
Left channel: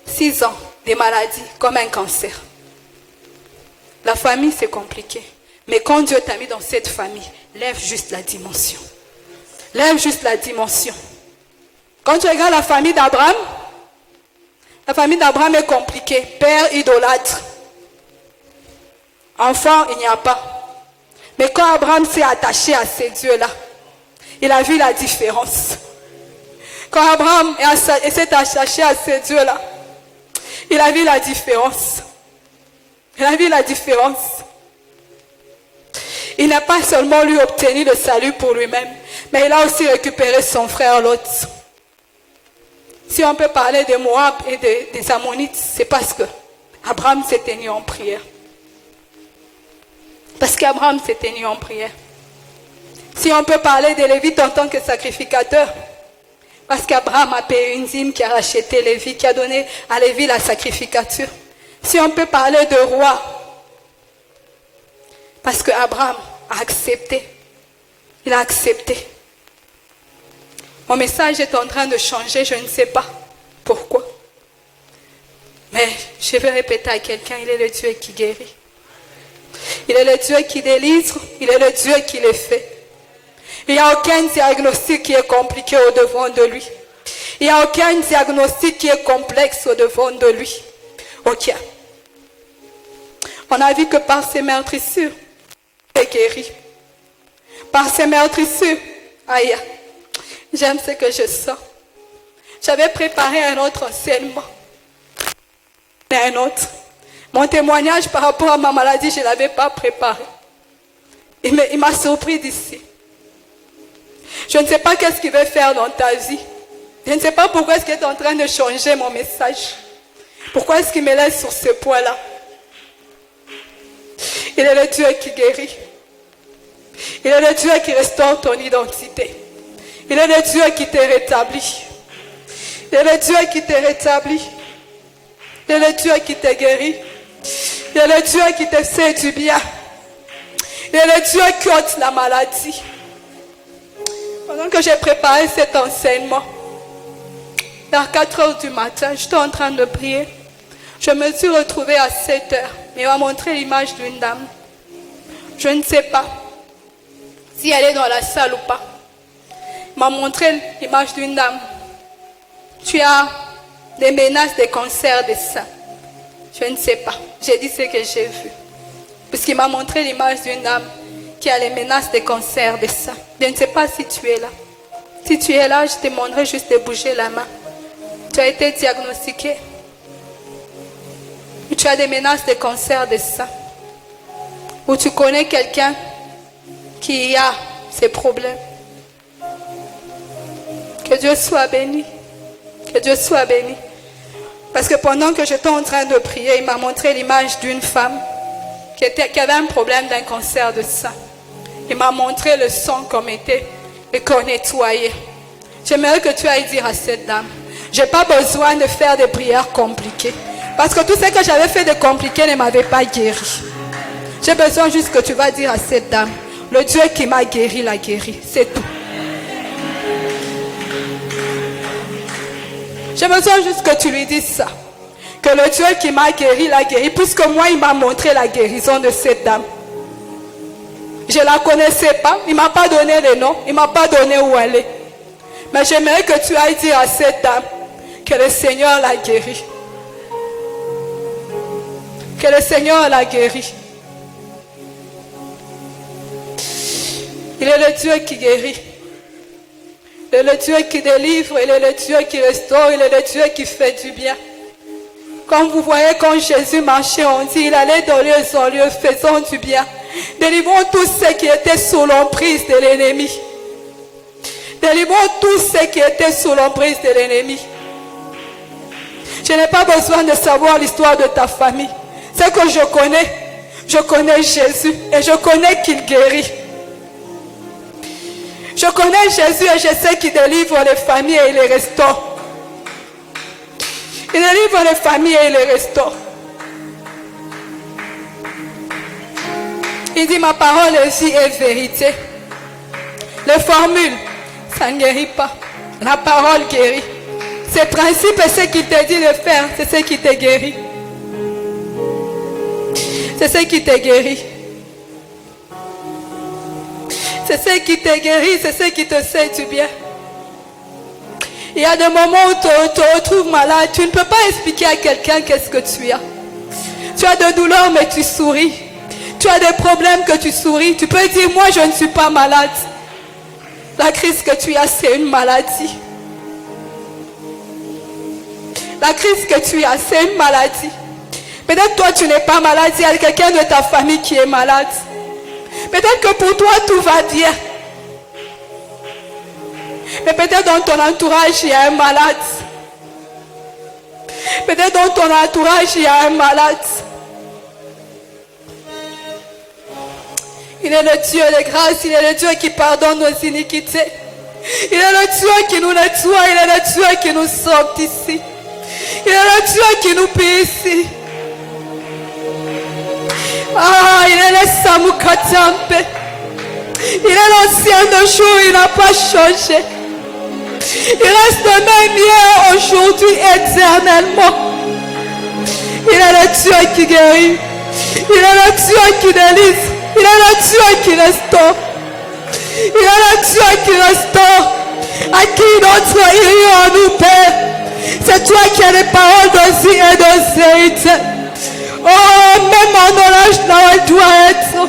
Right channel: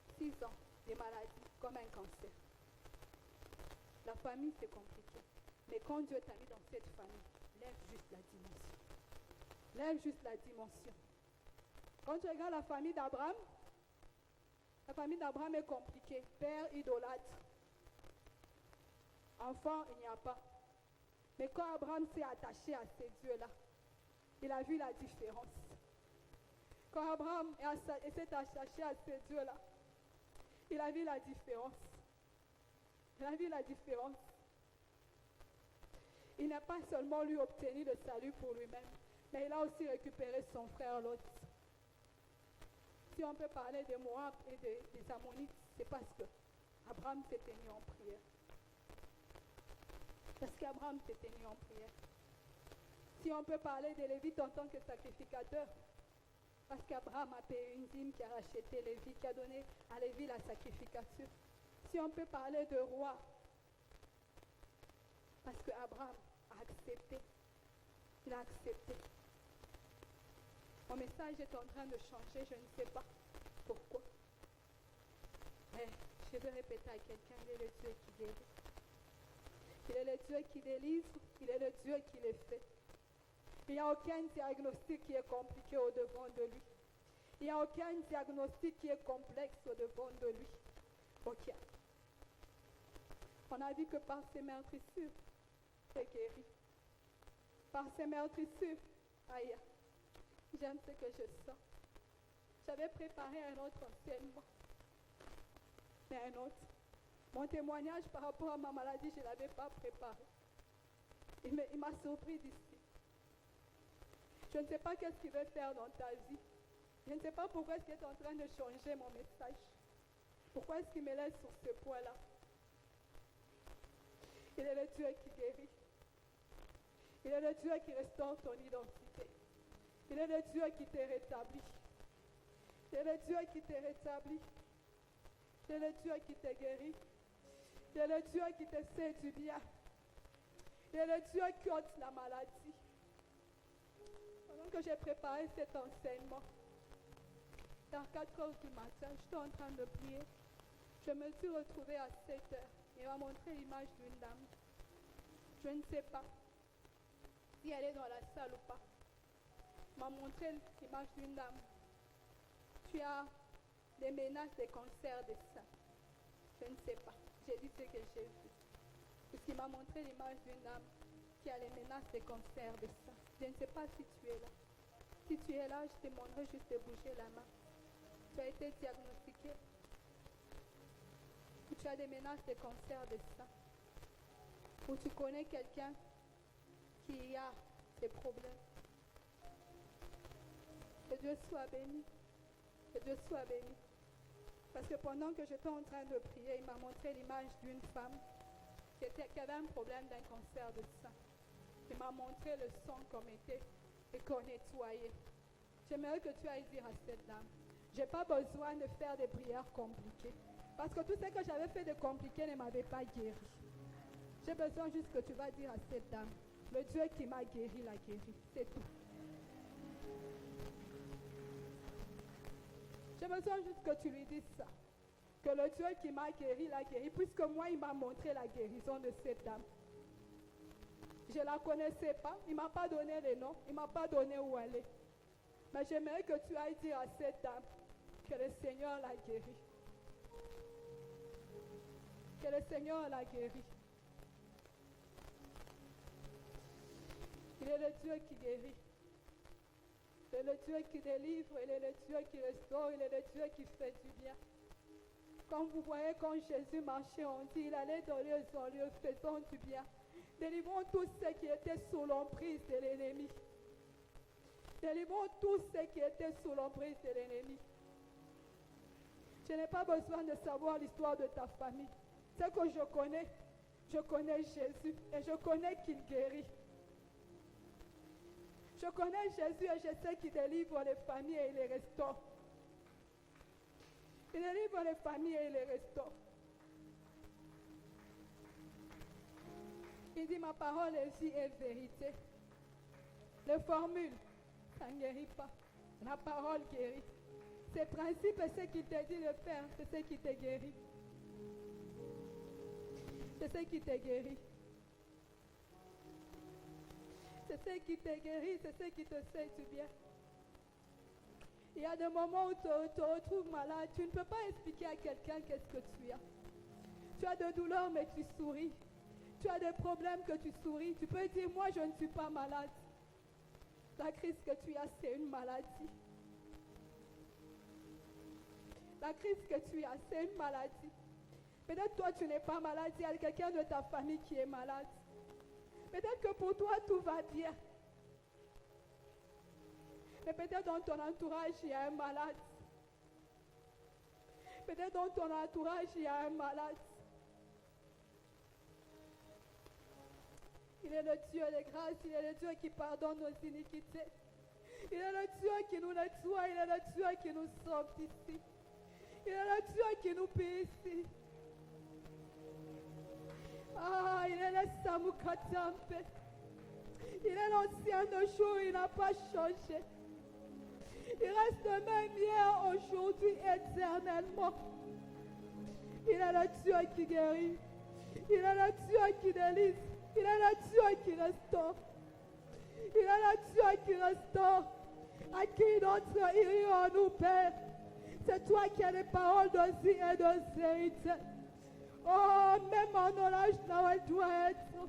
6 ans, des maladies comme un cancer. La famille, c'est compliqué. Mais quand Dieu t'a mis dans cette famille, lève juste la dimension. Lève juste la dimension. Quand tu regardes la famille d'Abraham est compliquée. Père idolâtre. Enfant, il n'y a pas. Mais quand Abraham s'est attaché à ces dieux-là, il a vu la différence. Quand Abraham s'est attaché à ces dieux-là, il a vu la différence. Il a vu la différence. Il n'a pas seulement lui obtenu le salut pour lui-même, mais il a aussi récupéré son frère Lot. Si on peut parler de Moab et des Ammonites, c'est parce que Abraham s'est tenu en prière. Parce qu'Abraham s'est tenu en prière. Si on peut parler des Lévites en tant que sacrificateurs, parce qu'Abraham a payé une dîme qui a racheté Lévi, qui a donné à Lévi la sacrificature. Si on peut parler de rois, parce qu'Abraham a accepté. Il a accepté. Mon message est en train de changer, je ne sais pas pourquoi. Mais je vais répéter à quelqu'un, il est le Dieu qui guérit. Il est le Dieu qui délivre, il est le Dieu qui les fait. Il n'y a aucun diagnostic qui est compliqué au-devant de lui. Il n'y a aucun diagnostic qui est complexe au-devant de lui. Ok. On a vu que par ses meurtrissures, il est guéri. Par ses meurtrissures, aïe, j'aime ce que je sens. J'avais préparé un autre enseignement. Un autre. Mon témoignage par rapport à ma maladie, je ne l'avais pas préparé. Il m'a surpris d'ici. Je ne sais pas qu'est-ce qu'il veut faire dans ta vie. Je ne sais pas pourquoi est-ce qu'il est en train de changer mon message. Pourquoi est-ce qu'il me laisse sur ce point-là? Il est le Dieu qui guérit. Il est le Dieu qui restaure ton identité. Il est le Dieu qui te rétablit. Il est le Dieu qui te rétablit. Il est le Dieu qui te guérit. Il est le Dieu qui te fait du bien. Il est le Dieu qui ôte la maladie. Pendant que j'ai préparé cet enseignement, vers 4 heures du matin, j'étais en train de prier. Je me suis retrouvée à 7 heures. Il m'a montré l'image d'une dame. Je ne sais pas si elle est dans la salle ou pas. Il m'a montré l'image d'une dame. Tu as des menaces de cancer des seins. Je ne sais pas. J'ai dit ce que j'ai vu. Puisqu'il m'a montré l'image d'une dame qui a les menaces de cancer des seins. Je ne sais pas si tu es là. Si tu es là, je te demanderai juste de bouger la main. Tu as été diagnostiqué. Ou tu as des menaces de cancer des seins. Ou tu connais quelqu'un qui a ces problèmes. Que Dieu soit béni. Que Dieu soit béni. Parce que pendant que j'étais en train de prier, il m'a montré l'image d'une femme qui avait un problème d'un cancer de sein. Il m'a montré le sang comme était et qu'on nettoyait. J'aimerais que tu ailles dire à cette dame, je n'ai pas besoin de faire des prières compliquées. Parce que tout ce que j'avais fait de compliqué ne m'avait pas guéri. J'ai besoin juste que tu vas dire à cette dame, le Dieu qui m'a guéri l'a guéri. C'est tout. J'ai besoin juste que tu lui dises ça. Que le Dieu qui m'a guéri l'a guéri. Puisque moi, il m'a montré la guérison de cette dame. Je ne la connaissais pas. Il ne m'a pas donné le nom. Il ne m'a pas donné où elle est. Mais j'aimerais que tu ailles dire à cette dame que le Seigneur l'a guéri. Que le Seigneur l'a guéri. Il est le Dieu qui guérit. Il est le Dieu qui délivre. Il est le Dieu qui restaure. Il est le Dieu qui fait du bien. Comme vous voyez, quand Jésus marchait, on dit, il allait de lieu en lieu, faisant du bien. Délivrons tous ceux qui étaient sous l'emprise de l'ennemi. Délivrons tous ceux qui étaient sous l'emprise de l'ennemi. Je n'ai pas besoin de savoir l'histoire de ta famille. Ce que je connais Jésus et je connais qu'il guérit. Je connais Jésus et je sais qu'il délivre les familles et il les restaure. Il délivre les familles et il les restaure. Il dit, ma parole est vie et vérité. Les formules, ça ne guérit pas. La parole guérit. Ces principes et ce qu'il te dit de faire, c'est ce qui te guérit. C'est ce qui te guérit. C'est ce qui te guérit, c'est ce qui te fait du bien. Il y a des moments où tu te retrouves malade. Tu ne peux pas expliquer à quelqu'un qu'est-ce que tu as. Tu as des douleurs mais tu souris. Tu as des problèmes que tu souris. Tu peux dire, moi je ne suis pas malade. La crise que tu as, c'est une maladie. La crise que tu as, c'est une maladie. Peut-être toi tu n'es pas malade. Il y a quelqu'un de ta famille qui est malade. Peut-être que pour toi tout va bien. Mais peut-être dans ton entourage, il y a un malade. Peut-être dans ton entourage, il y a un malade. Il est le Dieu de grâce. Il est le Dieu qui pardonne nos iniquités. Il est le Dieu qui nous nettoie. Il est le Dieu qui nous sort ici. Il est le Dieu qui nous paie ici. Ah, il est le Samukatiampe. Il est l'ancien de jour. Il n'a pas changé. Il reste le même hier, aujourd'hui, éternellement. Il est le Dieu qui guérit. Il est le Dieu qui délivre. Il est le Dieu qui restaure. Il est le Dieu qui restaure. À qui notre irions-nous, Père? C'est toi qui as les paroles d'aussi et d'aussi. Oh, même mon orage là où elle doit être.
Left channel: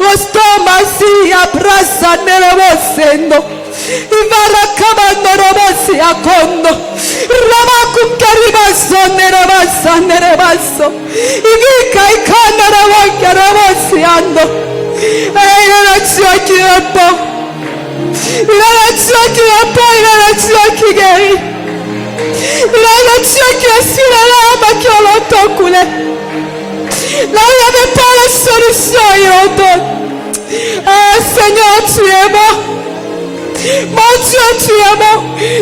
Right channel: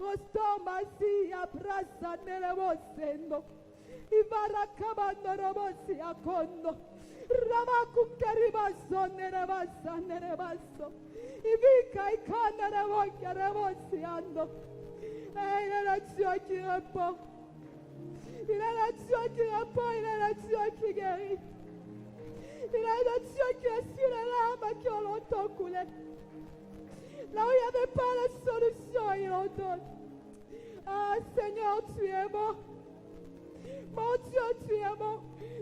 Restaure ma fille, abraça nervosendo. Ivara kamando robosi akondo. Ramakum karibaso nerebaso. Ivika ikana rawoka robosi ando. Il est le Dieu qui répond. Il est le Dieu qui répond, il est le Dieu qui guérit. Il est le Dieu qui essuie les larmes qui ont longtemps coulé. Là où il n'y avait pas de solution, il en donne. Ah, Seigneur, tu es bon. Mon Dieu, tu es bon.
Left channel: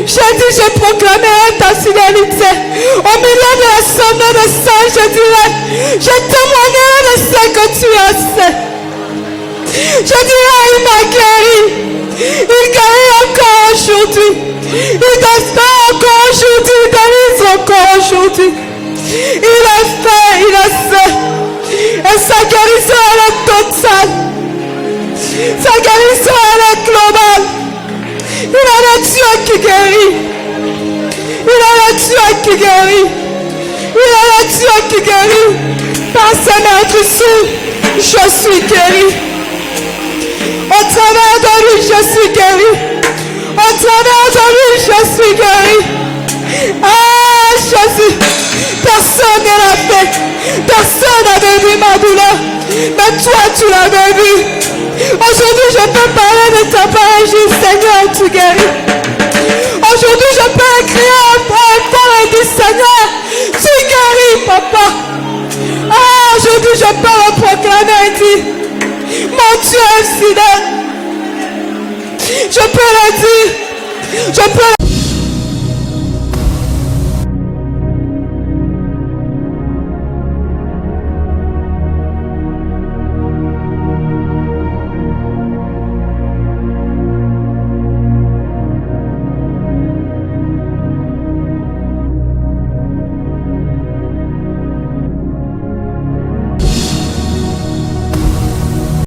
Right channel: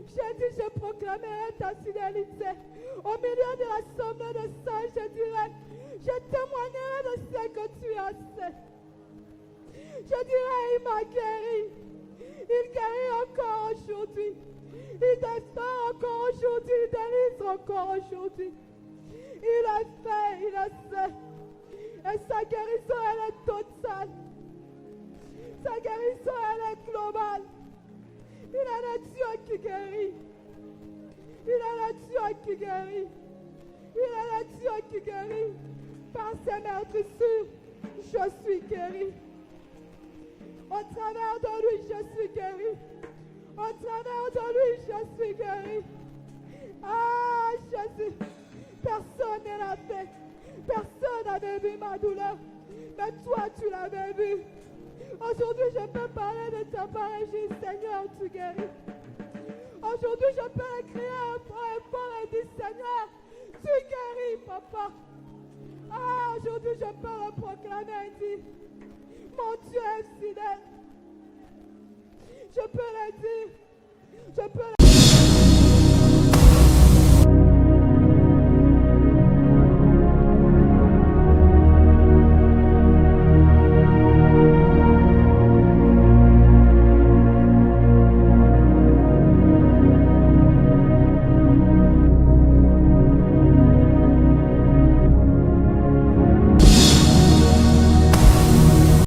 J'ai dit, je proclamerai ta fidélité. Au milieu de l'assemblée de saints, je dirai, je témoignerai de ce que tu as fait. Je dirai, il m'a guéri. Il guérit encore aujourd'hui. Il restaure encore aujourd'hui. Il délivre encore aujourd'hui. Il a fait, il a fait. Et sa guérison elle est totale. Sa guérison elle est globale. Il est le Dieu qui guérit. Il est le Dieu qui guérit. Il est le Dieu qui guérit. Par ses mains dessus, je suis guéri. Au travers de lui, je suis guéri. Au travers de lui, je suis guéri. Ah, Jésus, personne ne l'a fait. Personne n'avait vu ma douleur. Mais toi, tu l'avais vu. Aujourd'hui, je peux parler de ta parole, Seigneur, tu guéris. Aujourd'hui, je peux écrire un fort et dire, Seigneur, tu guéris, papa. Ah, aujourd'hui, je peux le proclamer et dire, mon Dieu est fidèle. Je peux le dire. Je peux le dire.